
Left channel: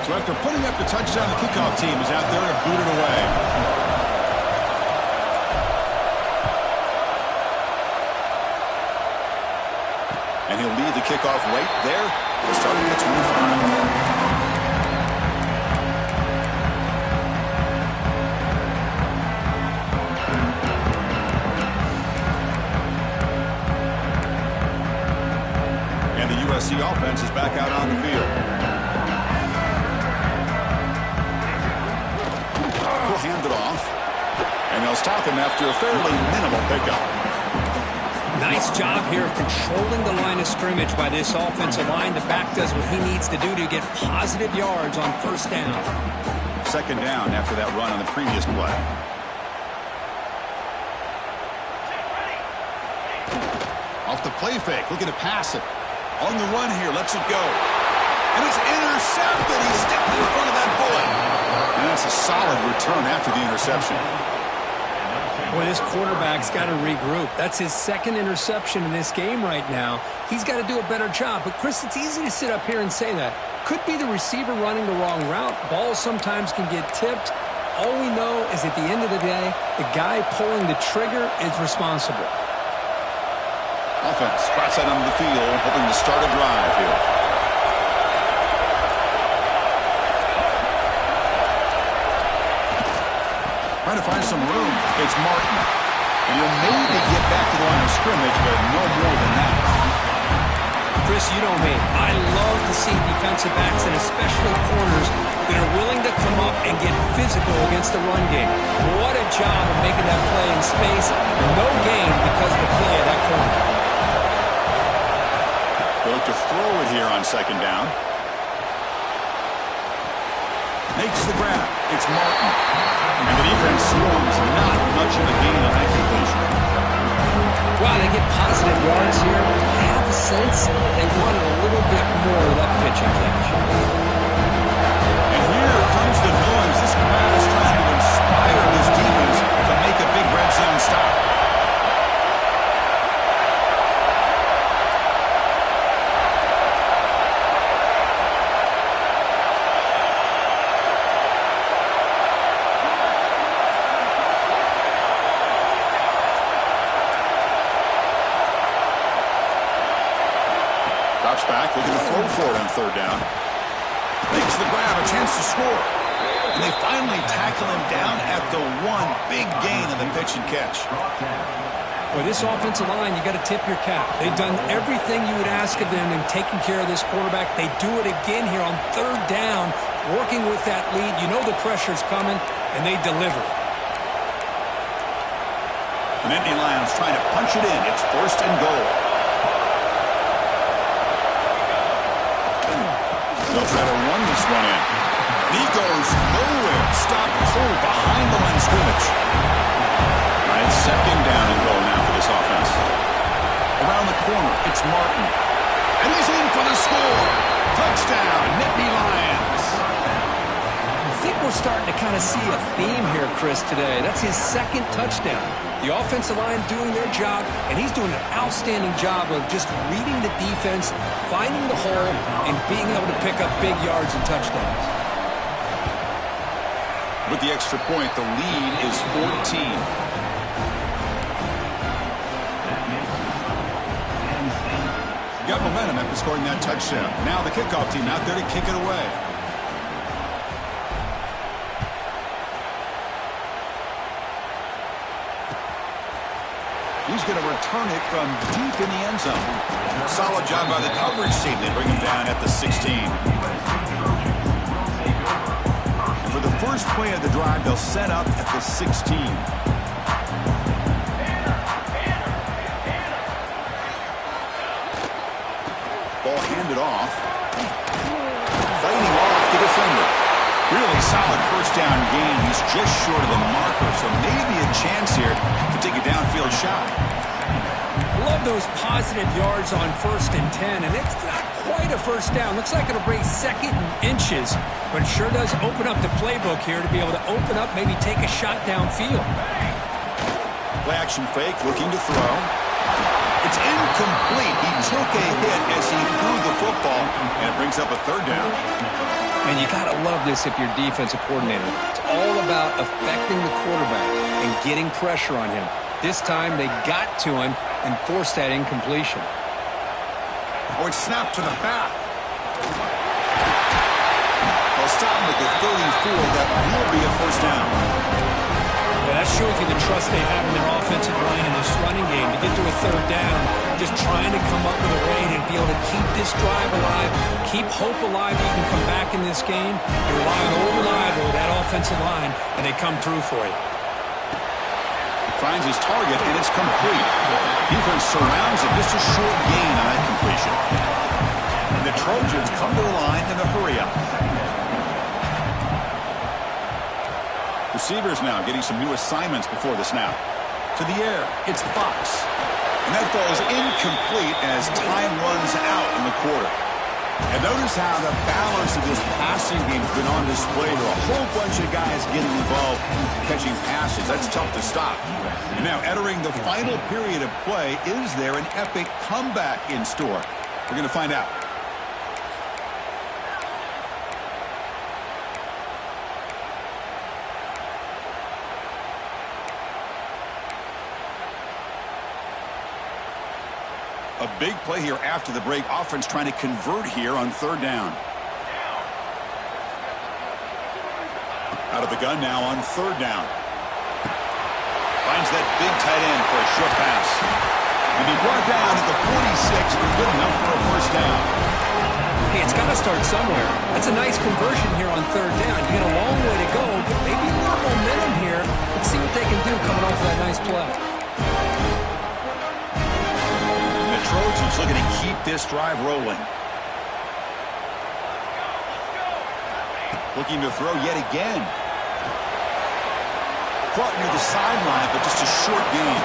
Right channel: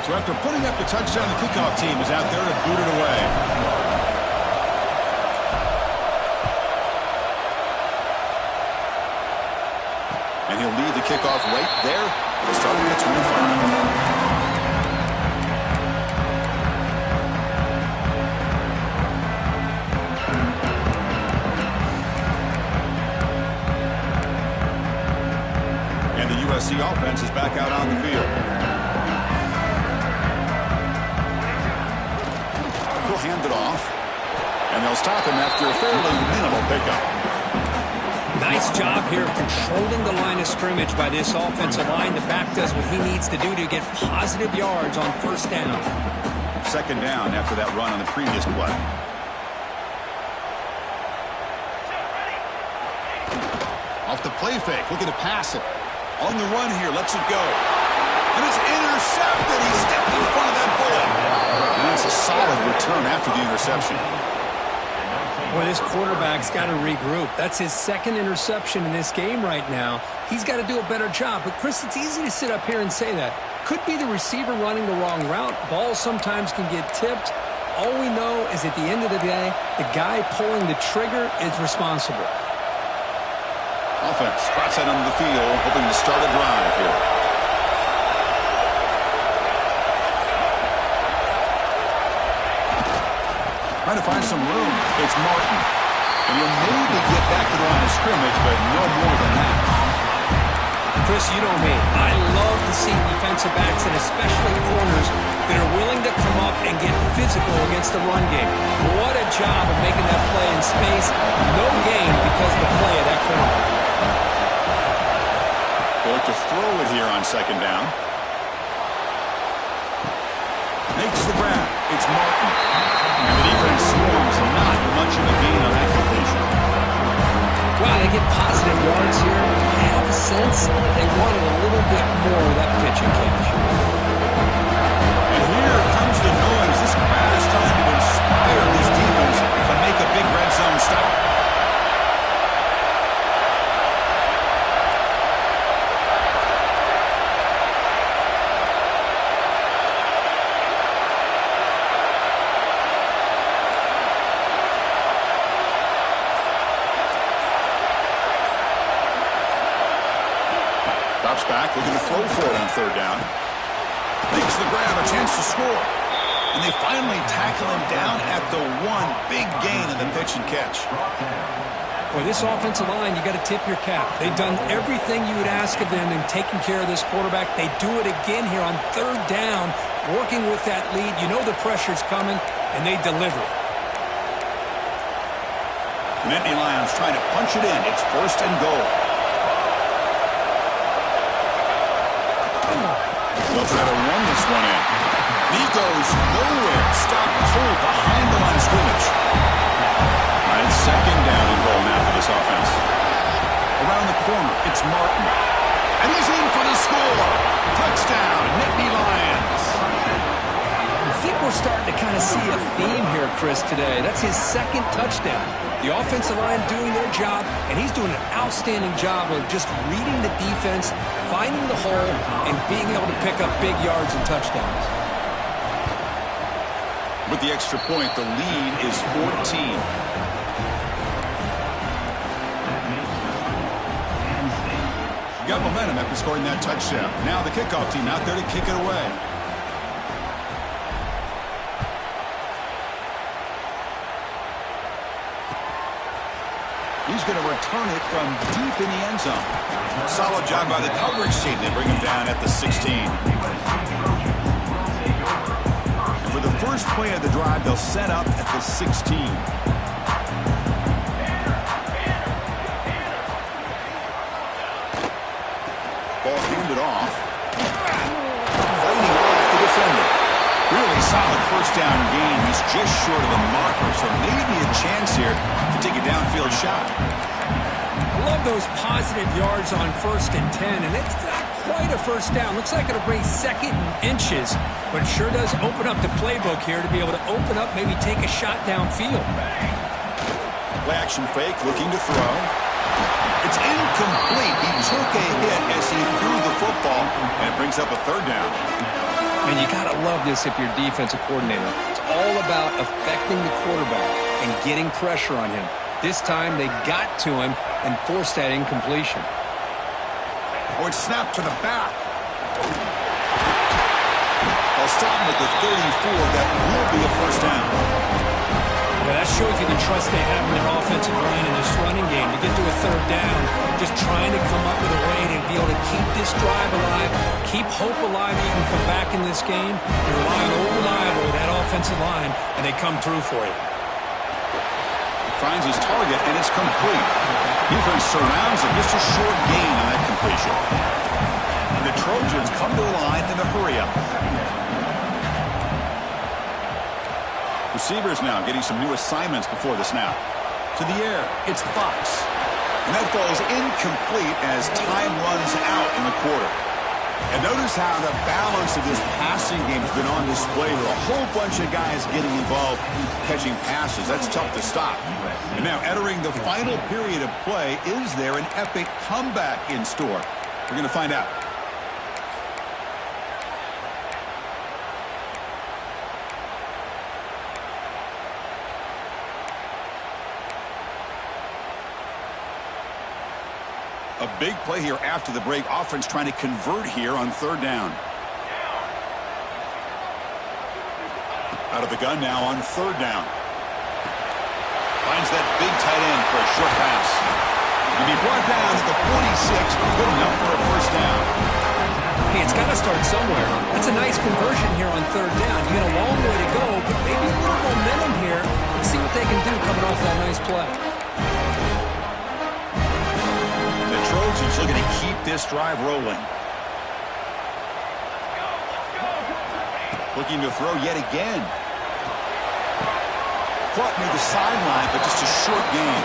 So after putting up the touchdown, the kickoff team is out there to boot it away. And he'll lead the kickoff right there. We'll start at the 25. And the USC offense is back out on the field. Hand it off, and they'll stop him after a fairly minimal pickup. Nice job here of controlling the line of scrimmage by this offensive line. The back does what he needs to do to get positive yards on first down. Second down after that run on the previous play. Off the play fake, looking to pass it. On the run here, lets it go. And it's intercepted. He stepped in front of that bullet. And that's a solid return after the interception. Boy, this quarterback's got to regroup. That's his second interception in this game right now. He's got to do a better job. But, Chris, it's easy to sit up here and say that. Could be the receiver running the wrong route. Balls sometimes can get tipped. All we know is at the end of the day, the guy pulling the trigger is responsible. Offense spots that on the field, hoping to start a drive here. Trying to find some room. It's Martin. And he'll maybe get back to the line of scrimmage, but no more than that. Chris, you know me. I love to see defensive backs, and especially corners, that are willing to come up and get physical against the run game. What a job of making that play in space. No gain because of the play of that corner. They look to throw it here on second down. Makes the grab. It's Martin. And the defense swarms. Not much of a gain on that completion. Wow, they get positive yards here. I have a sense they wanted a little bit more of that pitch and catch. And here comes the noise. This crowd is trying to inspire this defense to make a big red zone stop. Drops back, looking to throw for it on third down. Makes the grab, a chance to score. And they finally tackle him down at the one. Big gain in the pitch and catch. Boy, this offensive line, you got to tip your cap. They've done everything you would ask of them in taking care of this quarterback. They do it again here on third down, working with that lead. You know the pressure's coming, and they deliver. The Nittany Lions trying to punch it in. It's first and goal. They'll try to run this one in. He goes nowhere. Stopped cold behind the line of scrimmage. All right, second down and goal now for this offense. Around the corner, it's Martin. And he's in for the score. Touchdown, Nittany Lions. I think we're starting to kind of see a theme here, Chris, today. That's his second touchdown. The offensive line doing their job, and he's doing an outstanding job of just reading the defense, finding the hole, and being able to pick up big yards and touchdowns. With the extra point, the lead is 14. Got momentum after scoring that touchdown. Now the kickoff team out there to kick it away. He's going to return it from deep in the end zone. Solid job by the coverage team. They bring him down at the 16. And for the first play of the drive, they'll set up at the 16. defender. Really solid first down gain. He's just short of the marker, so maybe a chance here to take a downfield shot. Love those positive yards on 1st and 10, and it's not quite a first down. Looks like it'll bring 2nd and inches, but it sure does open up the playbook here to be able to open up, maybe take a shot downfield. Play action fake, looking to throw. It's incomplete. He took a hit as he threw the football, and it brings up a 3rd down. And you got to love this if you're defensive coordinator. It's all about affecting the quarterback and getting pressure on him. This time they got to him and forced that incompletion. Oh, it's snapped to the back. They'll stop him at the 34. That will be a first down. Yeah, that shows you the trust they have in their offensive line in this running game. To get to a 3rd down, just trying to come up with a way to be able to keep this drive alive, keep hope alive that you can come back in this game. You rely on old reliable, that offensive line, and they come through for you. Finds his target, and it's complete. Defense surrounds him. Just a short gain on that completion. And the Trojans come to the line in the hurry-up. Receivers now getting some new assignments before the snap. To the air, it's Fox. And that falls incomplete as time runs out in the quarter. And notice how the balance of this passing game has been on display here. A whole bunch of guys getting involved catching passes. That's tough to stop. And now entering the final period of play, is there an epic comeback in store? We're going to find out. A big play here after the break. Offense trying to convert here on 3rd down. Out of the gun now on 3rd down. Finds that big tight end for a short pass. And he brought down at the 46. Good enough for a first down. Hey, it's got to start somewhere. That's a nice conversion here on 3rd down. You got a long way to go, but maybe a little momentum here. Let's see what they can do coming off of that nice play. Trojans looking to keep this drive rolling. Looking to throw yet again. Caught near the sideline, but just a short gain.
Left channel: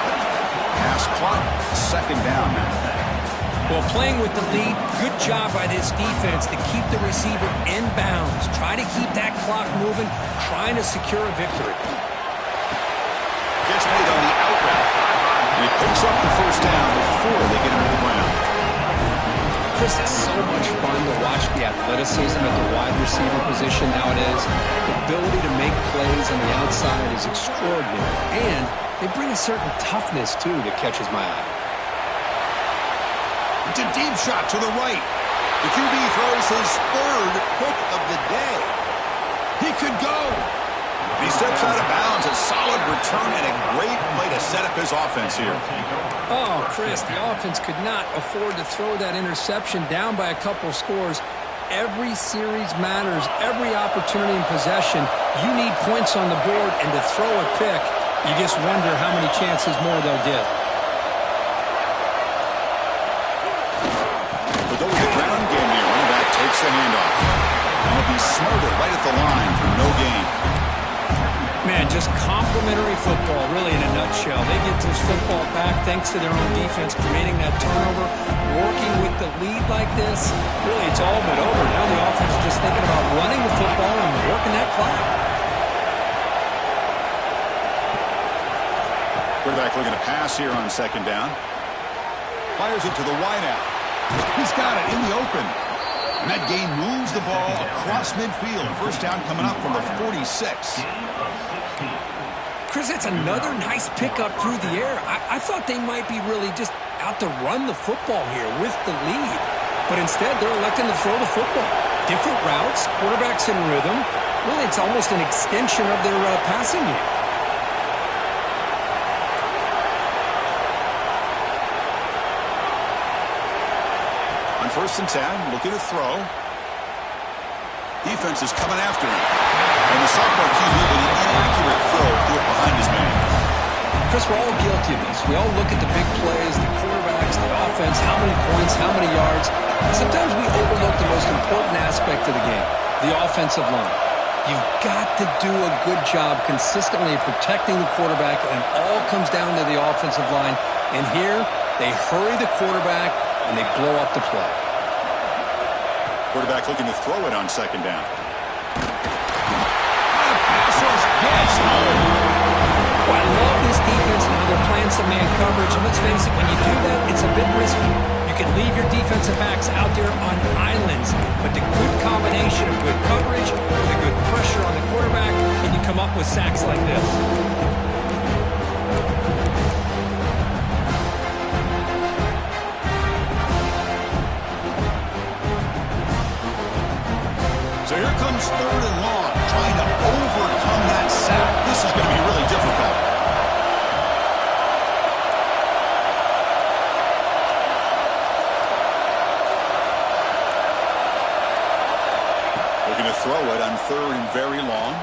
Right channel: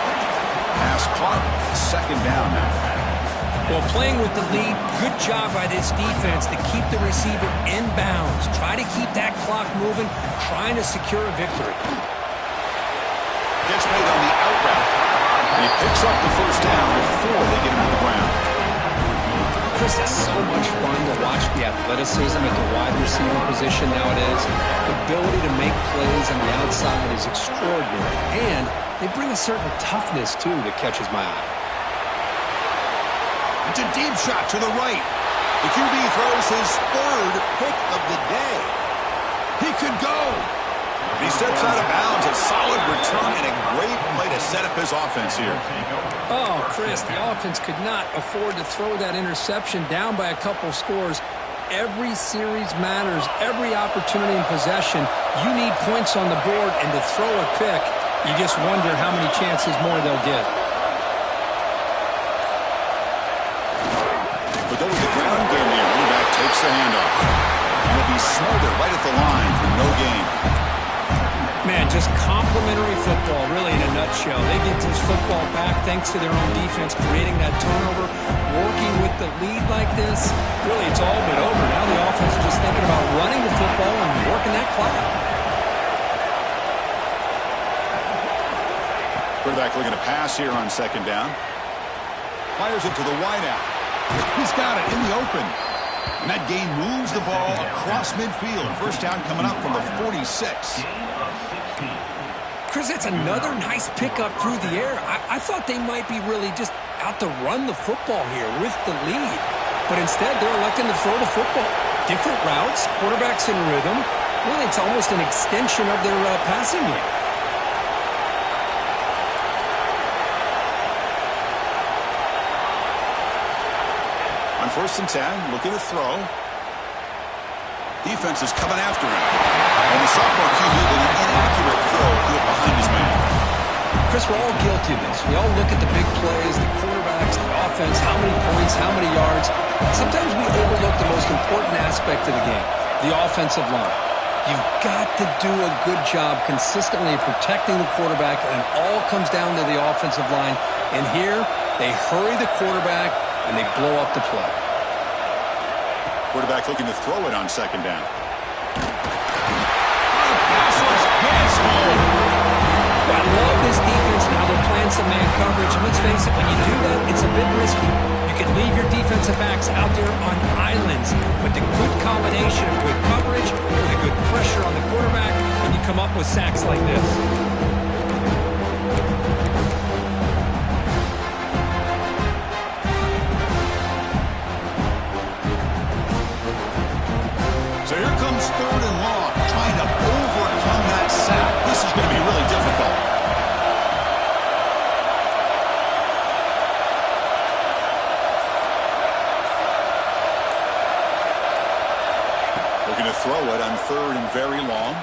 Pass caught, 2nd down now. Well, playing with the lead, good job by this defense to keep the receiver in bounds. Try to keep that clock moving, trying to secure a victory. Gets made on the out route. And he picks up the first down before they get him to the ground. Chris, it's so much fun to watch the athleticism at the wide receiver position nowadays. The ability to make plays on the outside is extraordinary. And they bring a certain toughness, too, that catches my eye. It's a deep shot to the right. The QB throws his 3rd pick of the day. He could go. He steps out of bounds. A solid return and a great play to set up his offense here. Oh, Chris, the offense could not afford to throw that interception down by a couple scores. Every series matters. Every opportunity in possession. You need points on the board, and to throw a pick, you just wonder how many chances more they'll get. But though with the ground game here, running back takes the handoff. And he'll be smothered right at the line for no gain. Man, just complimentary football, really, in a nutshell. They get this football back thanks to their own defense, creating that turnover, working with the lead like this. Really, it's all but over. Now the offense is just thinking about running the football and working that clock. Quarterback looking to pass here on 2nd down. Fires it to the wideout. He's got it in the open. And that gain moves the ball across midfield. First down coming up from the 46. Chris, that's another nice pickup through the air. I thought they might be really just out to run the football here with the lead. But instead, they're electing to throw the football. Different routes, quarterbacks in rhythm. Really, it's almost an extension of their passing game. On 1st and 10, looking to throw. Defense is coming after him. And the sophomore QB with an inaccurate throw threw it behind his man. Chris, we're all guilty of this. We all look at the big plays, the quarterbacks, the offense, how many points, how many yards. Sometimes we overlook the most important aspect of the game, The offensive line. You've got to do a good job consistently protecting the quarterback, and it all comes down to the offensive line. And here, they hurry the quarterback, and they blow up the play. Quarterback looking to throw it on second down. The pass rush gets home. Well, I love this defense and how they're playing some man coverage. And let's face it, when you do that, it's a bit risky. You can leave your defensive backs out there on islands, but the good combination of good coverage with a good pressure on the quarterback, and you come up with sacks like this. So here comes third and long, trying to overcome that sack. This is going to be really difficult. Looking to throw it on third and very long.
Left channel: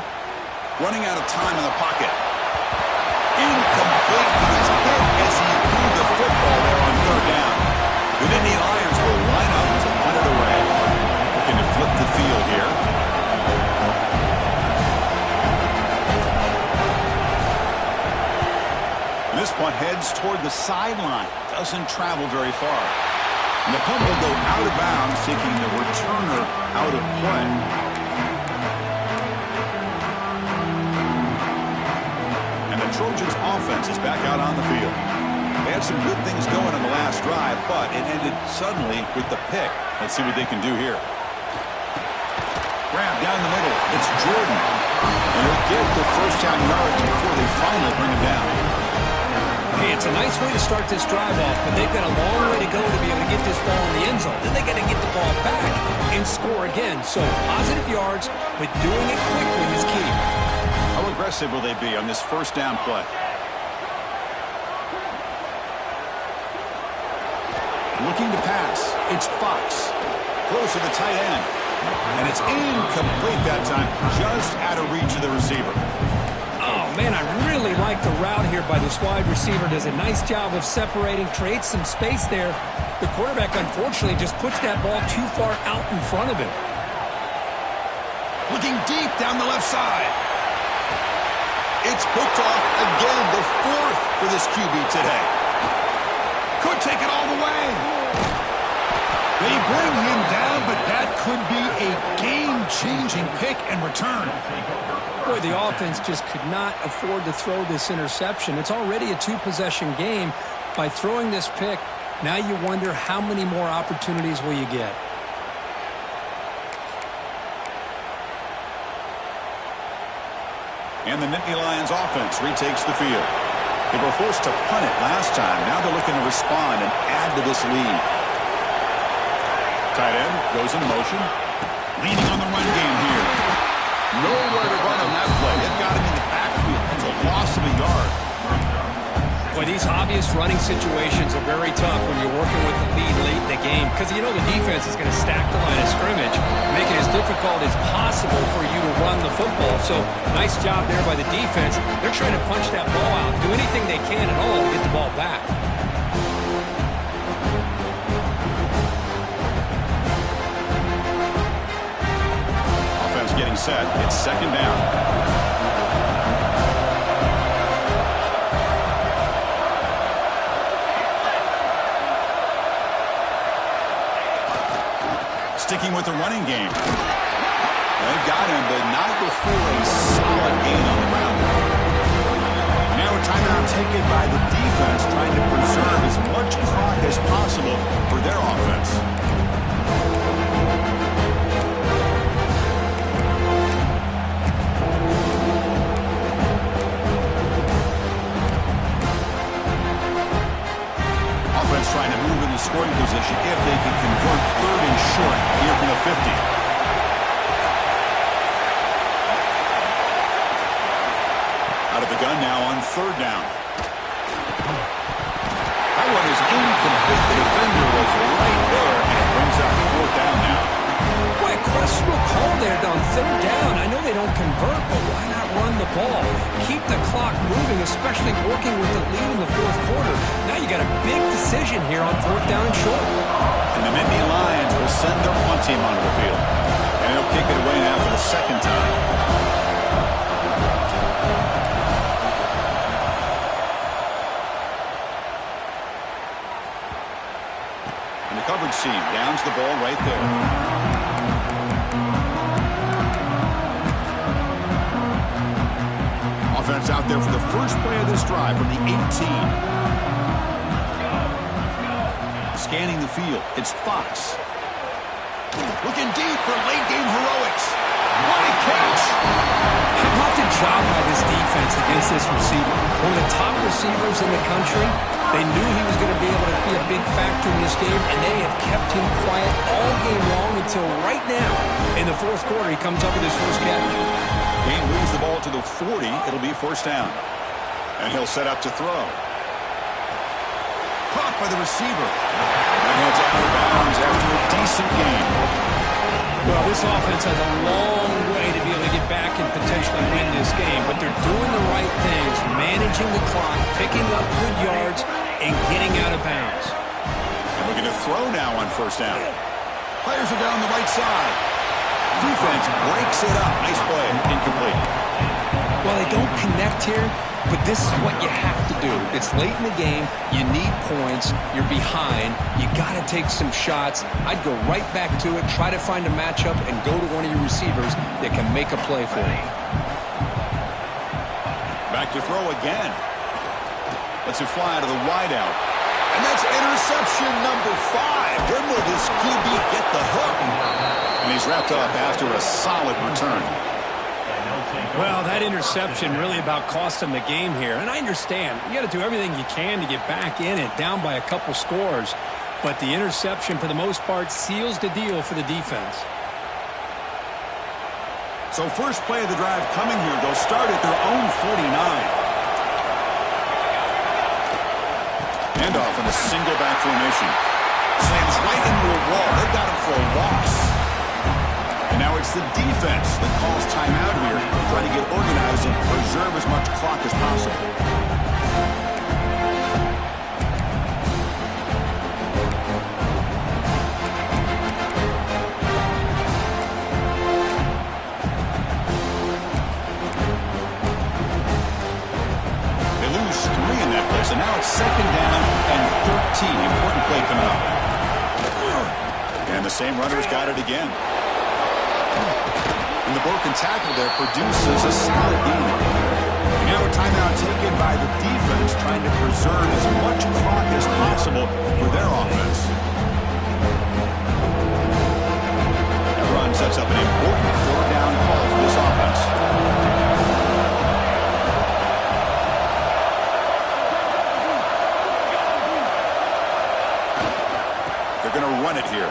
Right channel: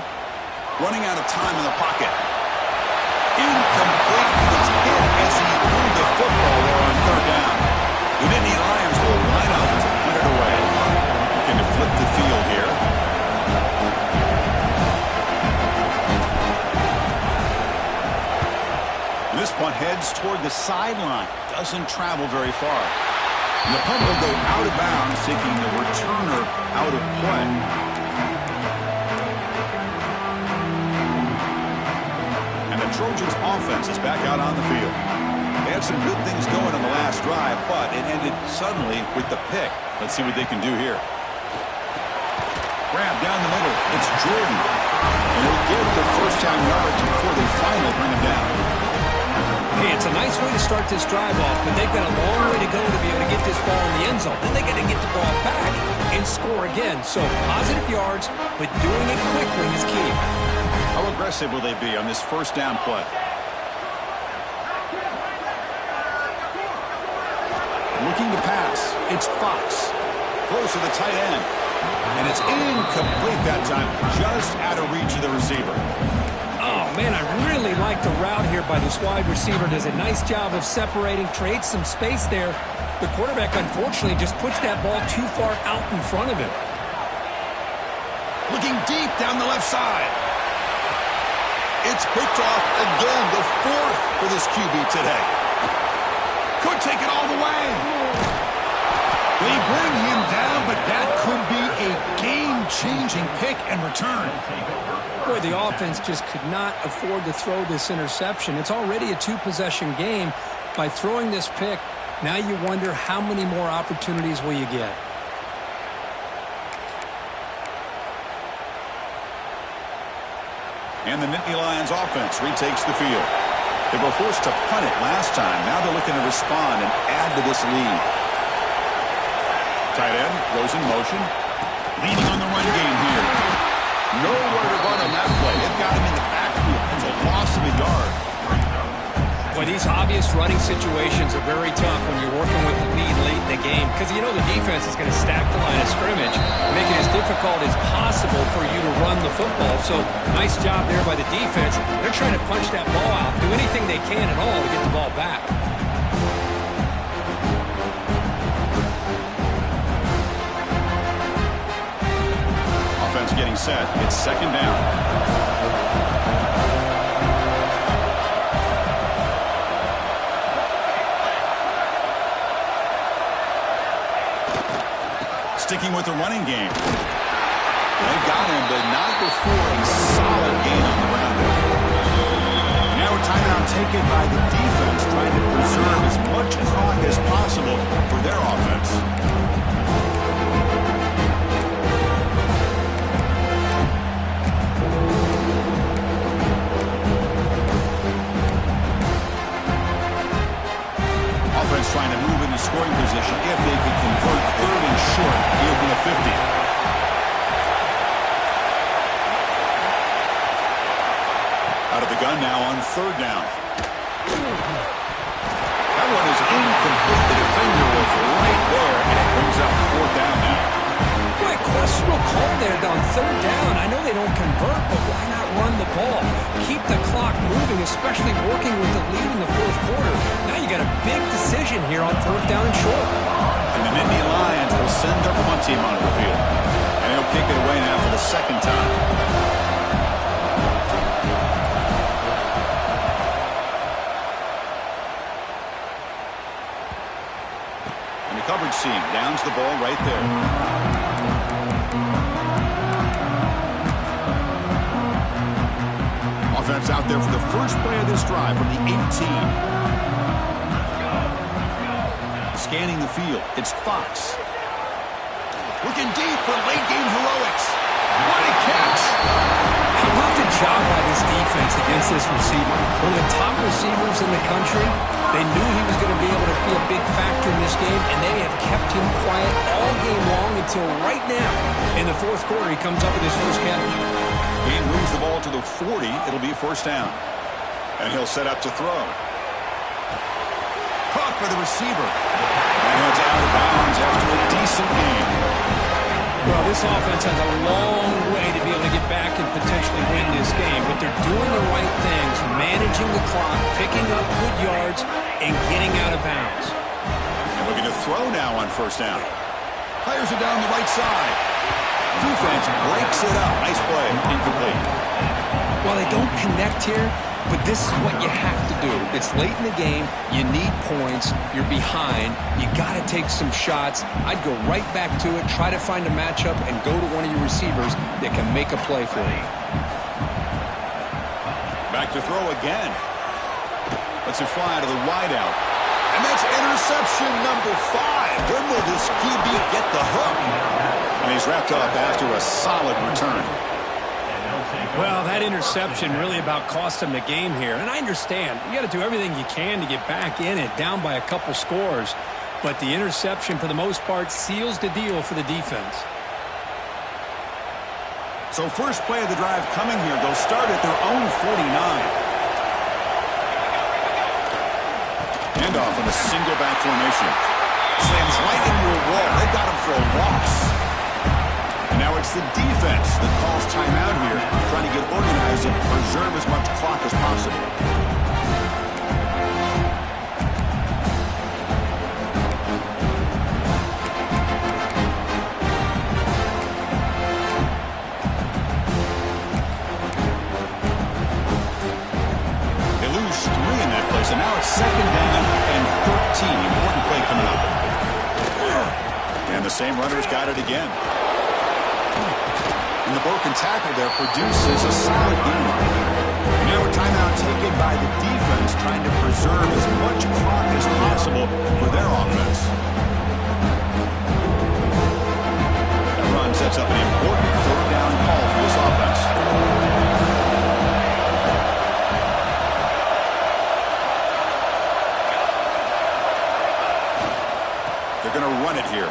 Running out of time in the pocket. Incomplete. He was hit as he threw the football there on third down. The Nittany Lions will line up to punt it away. Looking to flip the field here. And this punt heads toward the sideline. Doesn't travel very far. And the punt will go out of bounds, taking the returner out of play. And the Trojans' offense is back out on the field. They had some good things going on the last drive, but it ended suddenly with the pick. Let's see what they can do here. Grab down the middle. It's Jordan. And he'll get the first down yardage before they finally bring him down. Hey, it's a nice way to start this drive off, but they've got a long way to go to be able to get this ball in the end zone. Then they got to get the ball back and score again. So positive yards, but doing it quickly is key. How aggressive will they be on this first down play? Looking to pass. It's Fox. Throws to the tight end. And it's incomplete that time. Just out of reach of the receiver. Oh, man, I really like the route here by this wide receiver. Does a nice job of separating, creates some space there. The quarterback, unfortunately, just puts that ball too far out in front of him. Looking deep down the left side. It's picked off again, the fourth for this QB today. Could take it all the way. They bring him down, but that could be a game-changing pick and return. Boy, the offense just could not afford to throw this interception. It's already a two-possession game. By throwing this pick, now you wonder how many more opportunities will you get. And the Nittany Lions offense retakes the field. They were forced to punt it last time. Now they're looking to respond and add to this lead. Tight end goes in motion. Leaning on the run game here. Nowhere to run on that play. They've got him in the backfield. That's a loss of a yard. Boy, these obvious running situations are very tough when you're working with the lead late in the game, because you know the defense is going to stack the line of scrimmage, make it as difficult as possible for you to run the football. So nice job there by the defense. They're trying to punch that ball out, do anything they can at all to get the ball back. Offense getting set. It's second down. Sticking with the running game. They've got him, but not before a solid gain on the ground there. Now a timeout taken by the defense, trying to preserve as much clock as possible for their offense. Offense trying to move in the scoring position if they can convert third and short here from the 50. Out of the gun now on third down. That one is incomplete. The defender was right there, and it brings up fourth down now. Boy, a questionable call there on third down. I know they don't convert, but why not run the ball? Keep the clock moving, especially working with the lead in the fourth quarter. Now you got a big decision here on fourth down and short. And the Nittany Lions will send their punt team onto the field. And And he'll kick it away now for the second time. And the coverage team downs the ball right there. Offense out there for the first play of this drive from the 18. Scanning the field, it's Fox. Looking deep for late-game heroics. What a catch! How about the job by this defense against this receiver? One of the top receivers in the country. They knew he was going to be able to be a big factor in this game, and they have kept him quiet all game long until right now. In the fourth quarter, he comes up with his first catch. He moves the ball to the 40. It'll be first down. And he'll set up to throw. Caught by the receiver. And heads out of bounds after a decent game. Well, this offense has a long way to be able to get back and potentially win this game, but they're doing the right things, managing the clock, picking up good yards, and getting out of bounds. And looking to throw now on first down. Players are down the right side. Defense breaks it up. Nice play. Incomplete. Well, they don't connect here, but this is what you have to do. It's late in the game. You need points. You're behind. You got to take some shots. I'd go right back to it, try to find a matchup, and go to one of your receivers that can make a play for you. Back to throw again. Lets it fly to the wideout. And that's interception number 5. When will this QB get the hook? And he's wrapped up after a solid return. Well, that interception really about cost him the game here. And I understand. You got to do everything you can to get back in it, down by a couple scores. But the interception, for the most part, seals the deal for the defense. So first play of the drive coming here. They'll start at their own 49. Handoff in a single back formation. Slams right into a wall. They've got him for a loss. And now it's the defense that calls timeout here, trying to get organized and preserve as much clock as possible. They lose 3 in that play, so now it's second down and 13. Important play coming up. And the same runner's got it again. And the broken tackle there produces a solid game. And now a timeout taken by the defense, trying to preserve as much clock as possible for their offense. That run sets up an important third down call for this offense. They're going to run it here.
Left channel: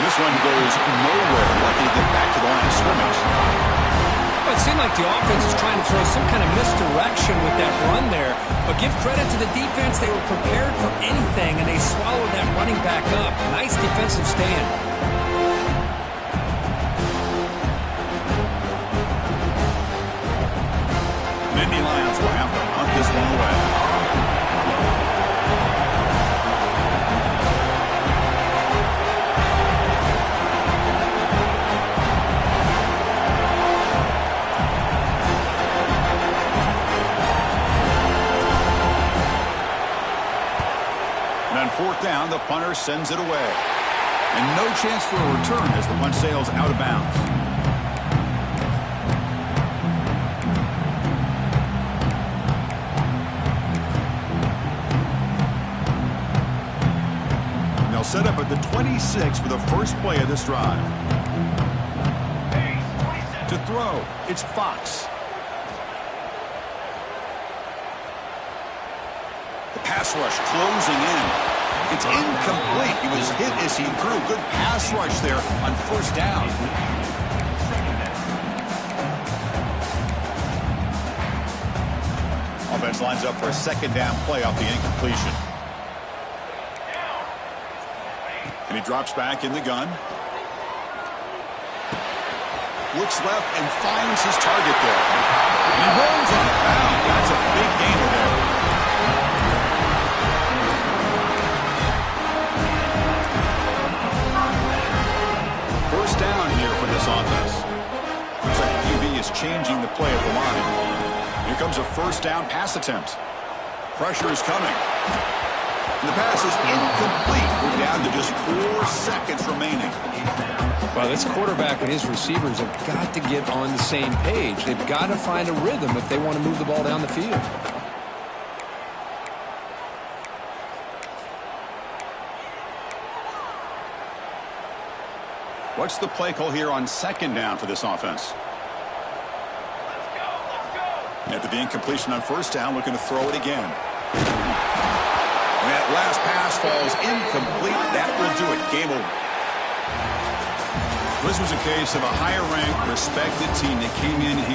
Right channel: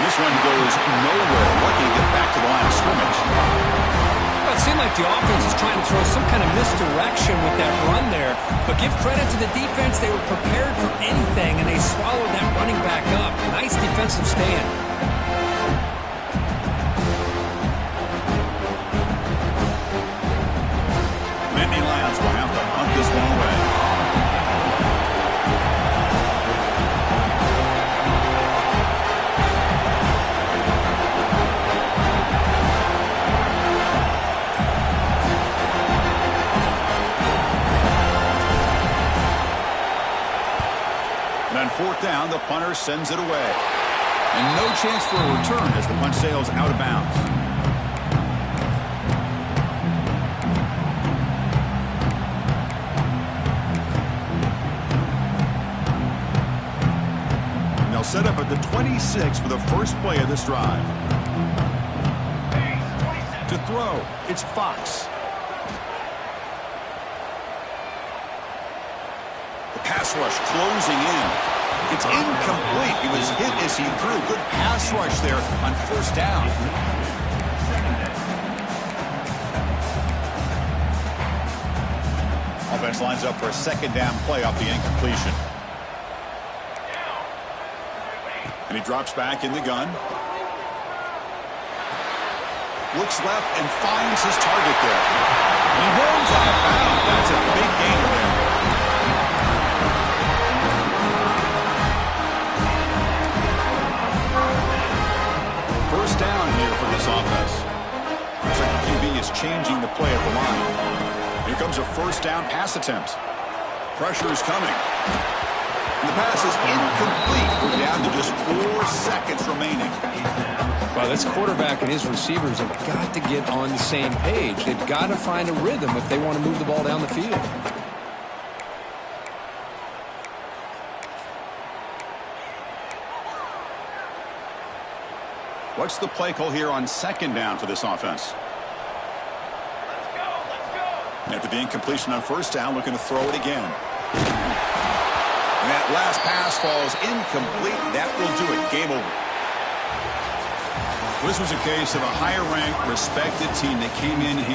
And this one goes nowhere. Lucky to get back to the line of scrimmage. Well, it seemed like the offense is trying to throw some kind of misdirection with that run there. But give credit to the defense. They were prepared for anything, and they swallowed that running back up. Nice defensive stand. Nittany Lions will have to hunt this one away. And on fourth down, the punter sends it away. And no chance for a return as the punt sails out of bounds. And they'll set up at the 26 for the first play of this drive. To throw, it's Fox. Pass rush closing in. It's incomplete. He was hit as he threw. Good pass rush there on first down. Offense lines up for a second down play off the incompletion. And he drops back in the gun. Looks left and finds his target there. And he rolls out of bounds. That's a big gainer there. First down here for this offense. Looks like the QB is changing the play at the line. Here comes a first down pass attempt. Pressure is coming. And the pass is incomplete. We're down to just 4 seconds remaining. Well, this quarterback and his receivers have got to get on the same page. They've got to find a rhythm if they want to move the ball down the field. What's the play call here on second down for this offense? Let's go. After the incompletion on first down, looking to throw it again. And that last pass falls incomplete. That will do it. Game over. This was a case of a higher-ranked, respected team that came in here.